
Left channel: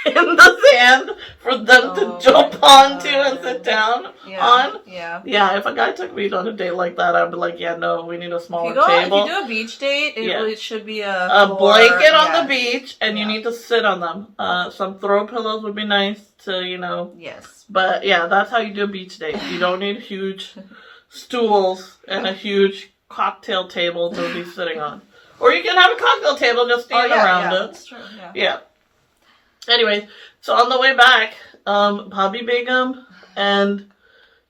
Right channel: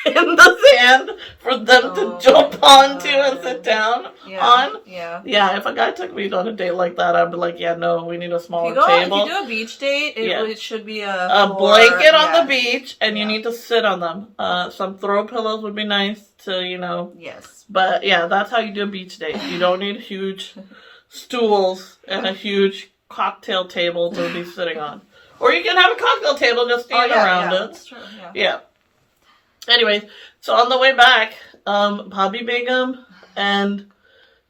In the sand for them to jump onto and sit down on. Yeah. Yeah, if a guy took me on a date like that, I'd be like, no, we need a smaller table. If you do a beach date, it should be a blanket on the beach, and you need to sit on them. Some throw pillows would be nice to, Yes. But yeah, that's how you do a beach date. You don't need huge stools and a huge cocktail table to be sitting on. Or you can have a cocktail table just stand around it. That's true, yeah. Anyways, so on the way back, Bhabhi Begum and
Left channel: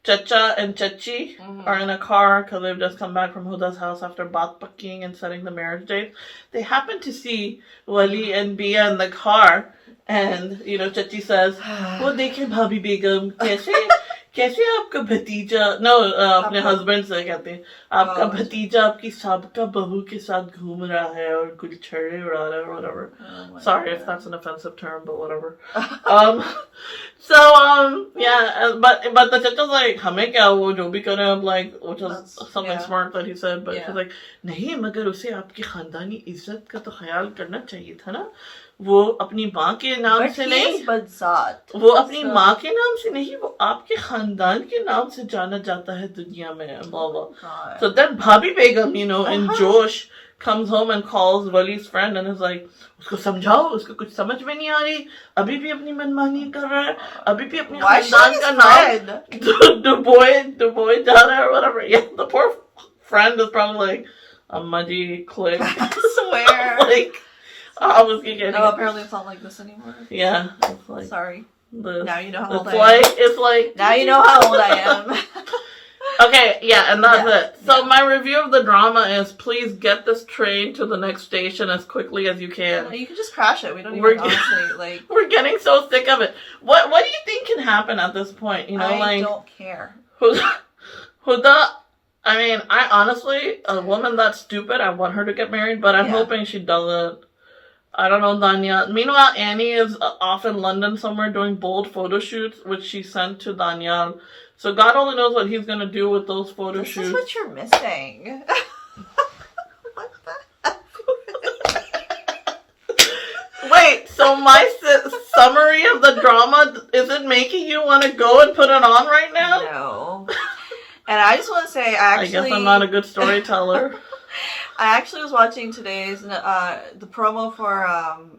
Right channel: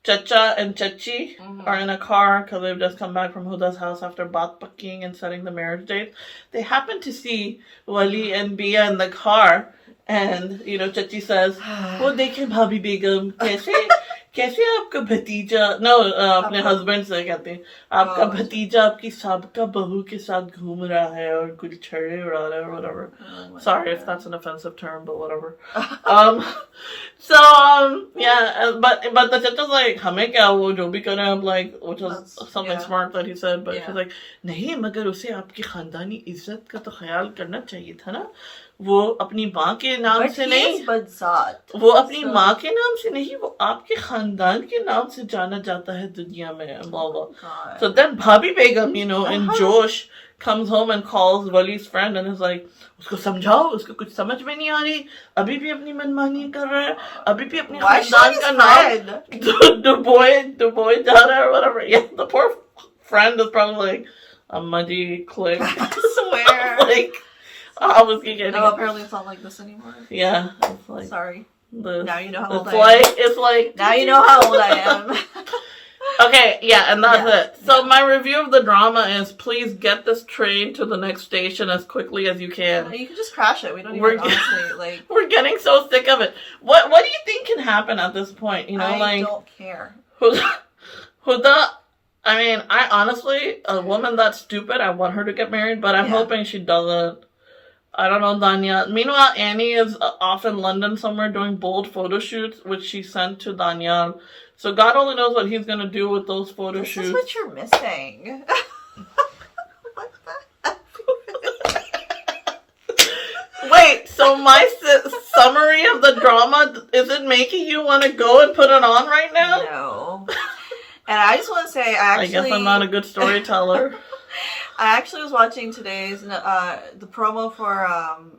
Chacha and Chachi are in a car because they've just come back from Huda's house after baat pakking and setting the marriage date. They happen to see Wali and Bia in the car, and Chachi says, "वो देखें भाभी बेगम कैसे आपका भतीजा अपने husband से कहते हैं आपका भतीजा आपकी साबका बहू के साथ घूम रहा है और कुछ छड़े उड़ा रहा है or whatever." Sorry if that's an offensive term, but whatever. But the chacha's like, हमें क्या वो जो भी करे हम like, which was something smart that he said, but he's like, नहीं मगर उसे आपकी खानदानी इज्जत का तो ख्याल करना चाहिए था ना, वो अपनी माँ के नाम से नहीं, Badzaat. वो अपनी माँ के नाम से नहीं, वो आपके खानदान के नाम से जाना जाता है दुनिया में, blah blah. So then Bhabhi Begum, in Josh, comes home and calls Wali's friend and is like, उसको समझाओ, उसको कुछ समझ में नहीं आ रही, अभी भी अपनी मनमानी कर रहा है, अभी भी अपने खानदान का नाम डुबोए जा रहा है or whatever. Yeah, the poor friend is probably like, Amma ji, click. I swear. Like, I was getting. No, apparently it's not like this anymore. Yeah, it's like, sorry. Now you know how old I am. It's like. Now you know how old I am. Okay, yeah, and that's it. So my review of the drama is, please get this train to the next station as quickly as you can. You can just crash it. We don't even honestly like. We're getting so sick of it. What do you think can happen at this point? I don't care. Huda, I mean, I honestly, a woman that's stupid, I want her to get married, but I'm hoping she doesn't. I don't know, Danya. Meanwhile, Annie is off in London somewhere doing bold photo shoots, which she sent to Daniel. So God only knows what he's going to do with those photo shoots. This is what you're missing. What the Wait, so my summary of the drama, is it making you want to go and put it on right now? No. And I just want to say, I guess I'm not a good storyteller. I actually was watching today's, the promo for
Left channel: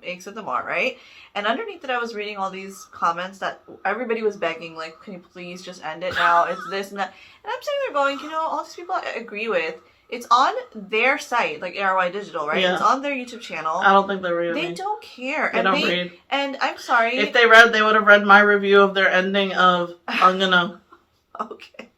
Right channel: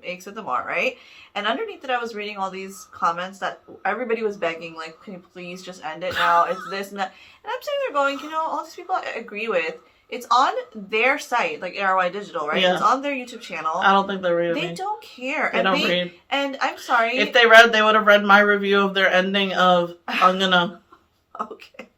Aik Sitam Aur, right? And underneath it, I was reading all these comments that everybody was begging, like, can you please just end it now? It's this and that. And I'm sitting there going, all these people I agree with. It's on their site, like ARY Digital, right? Yeah. It's on their YouTube channel. I don't think they read it. They don't care. They don't read. And I'm sorry. If they read, they would have read my review of their ending of Angana. Okay.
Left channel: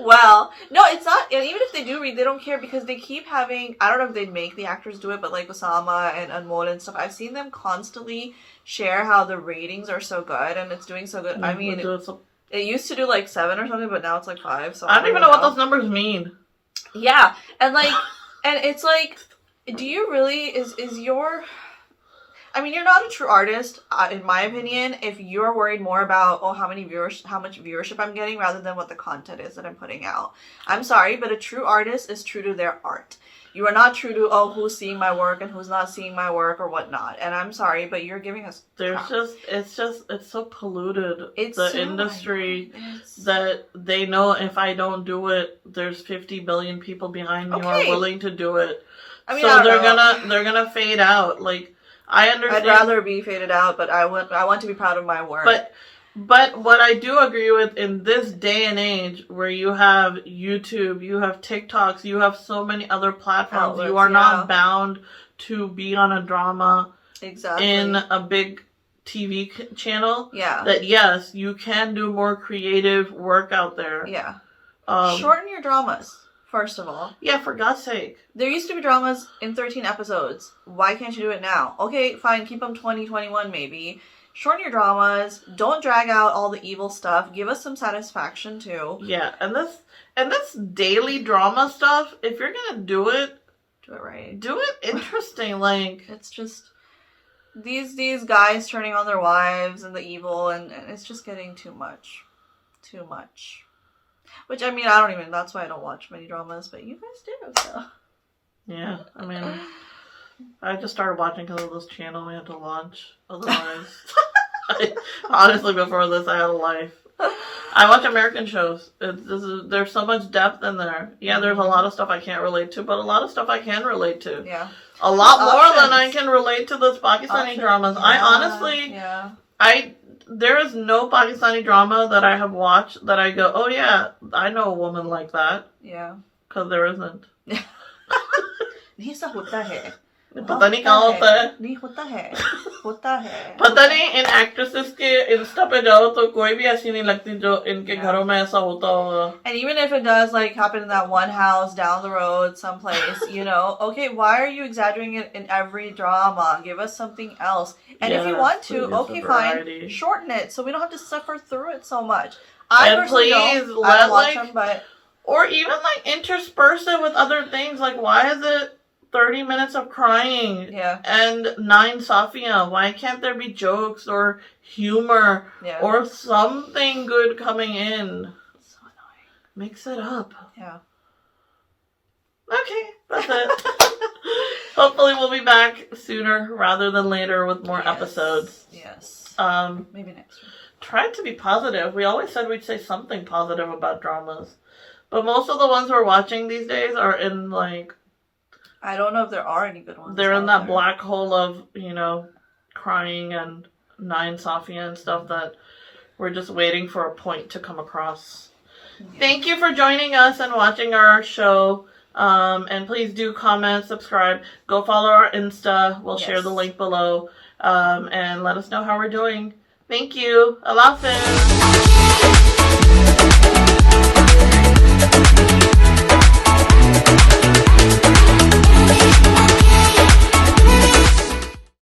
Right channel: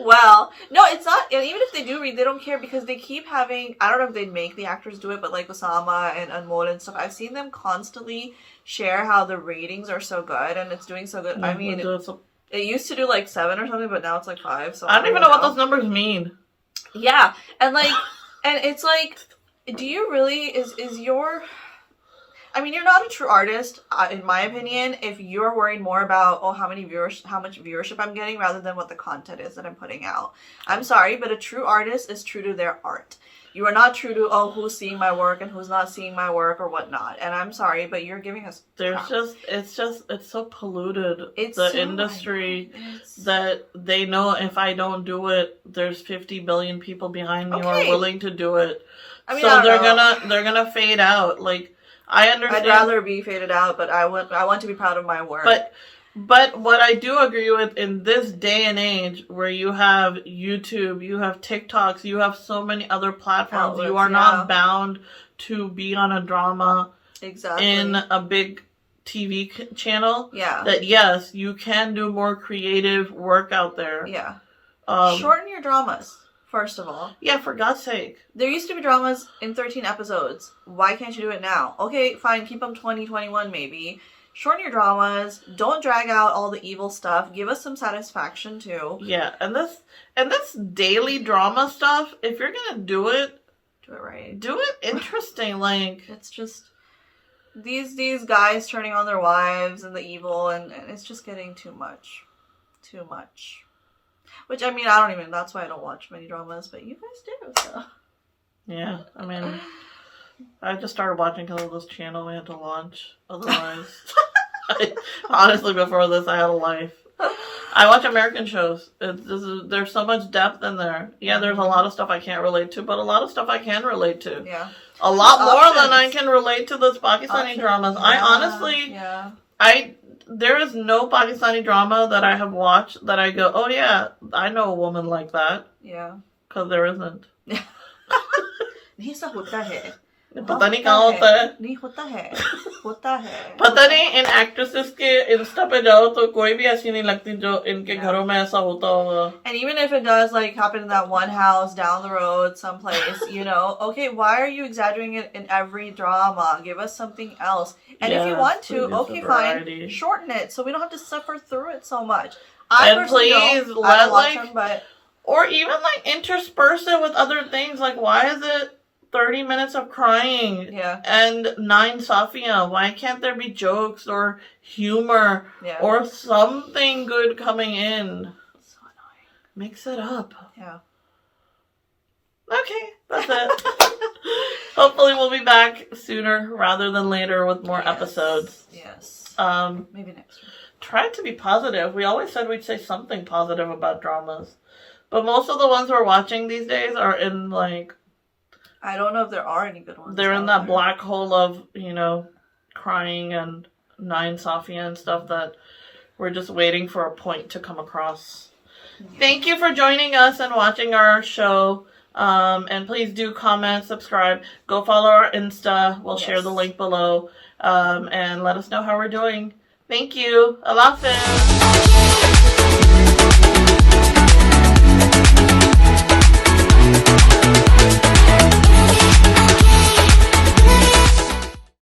Well, no, it's not, and even if they do read, they don't care because they keep having, I don't know if they'd make the actors do it, but like Osama and Anmol and stuff, I've seen them constantly share how the ratings are so good and it's doing so good. I mean, it used to do like 7 or something, but now it's like 5. So I don't even know what those numbers mean. Yeah, and like, and it's like, do you really, is your... I mean, you're not a true artist, in my opinion, if you're worried more about, how much viewership I'm getting rather than what the content is that I'm putting out. I'm sorry, but a true artist is true to their art. You are not true to, who's seeing my work and who's not seeing my work or whatnot. And I'm sorry, but you're giving us... It's so polluted. It's the industry that they know if I don't do it, there's 50 billion people behind me who are willing to do it. I mean, so they're gonna fade out. Like, I understand. I'd rather be faded out, but I want to be proud of my work. But what I do agree with in this day and age where you have YouTube, you have TikToks, you have so many other platforms, outlets, you are not bound to be on a drama in a big TV channel. Yeah. That yes, you can do more creative work out there. Yeah. Shorten your dramas. First of all. Yeah, for God's sake. There used to be dramas in 13 episodes. Why can't you do it now? Okay, fine, keep them 20, 21 maybe. Shorten your dramas. Don't drag out all the evil stuff. Give us some satisfaction too. Yeah, and this daily drama stuff, if you're gonna do it right. Do it interesting. Like, it's just these guys turning on their wives and the evil, and it's just getting too much. Too much. Which, I mean, that's why I don't watch many dramas, but you guys do, so. Yeah, I mean, I just started watching because of this channel we had to launch. Otherwise, honestly, before this, I had a life. I watch American shows. There's so much depth in there. Yeah, there's a lot of stuff I can't relate to, but a lot of stuff I can relate to. Yeah. A lot more than I can relate to those Pakistani dramas. Yeah. I honestly, there is no Pakistani drama that I have watched that I go, oh yeah, I know a woman like that. Yeah. Because there isn't. पता नहीं कहाँ होता है. नहीं होता है. होता है. पता नहीं इन एक्ट्रेसेस के इंस्टा पे जाओ तो कोई भी ऐसी नहीं लगती जो इनके घरों में ऐसा होता होगा. And even if it does like happen in that one house down the road someplace, you know, okay, why are you exaggerating it in every drama? Give us something else. And if you want to, okay, fine, shorten it so we don't have to suffer through it so much. I personally don't. I don't watch them, but or even like intersperse it with other things. Like, why is it 30 minutes of crying and 9 Safia? Why can't there be jokes or humor or something good coming in? So annoying. Mix it up. Yeah. Okay, that's it. Hopefully we'll be back sooner rather than later with more episodes. Yes. Maybe next week. Try to be positive. We always said we'd say something positive about dramas. But most of the ones we're watching these days are in like... I don't know if there are any good ones. They're in that black hole of, you know, crying and 9 Safia and stuff that we're just waiting for a point to come across. Yeah. Thank you for joining us and watching our show. And please do comment, subscribe. Go follow our Insta. We'll share the link below. And let us know how we're doing. Thank you. Allah Hafiz.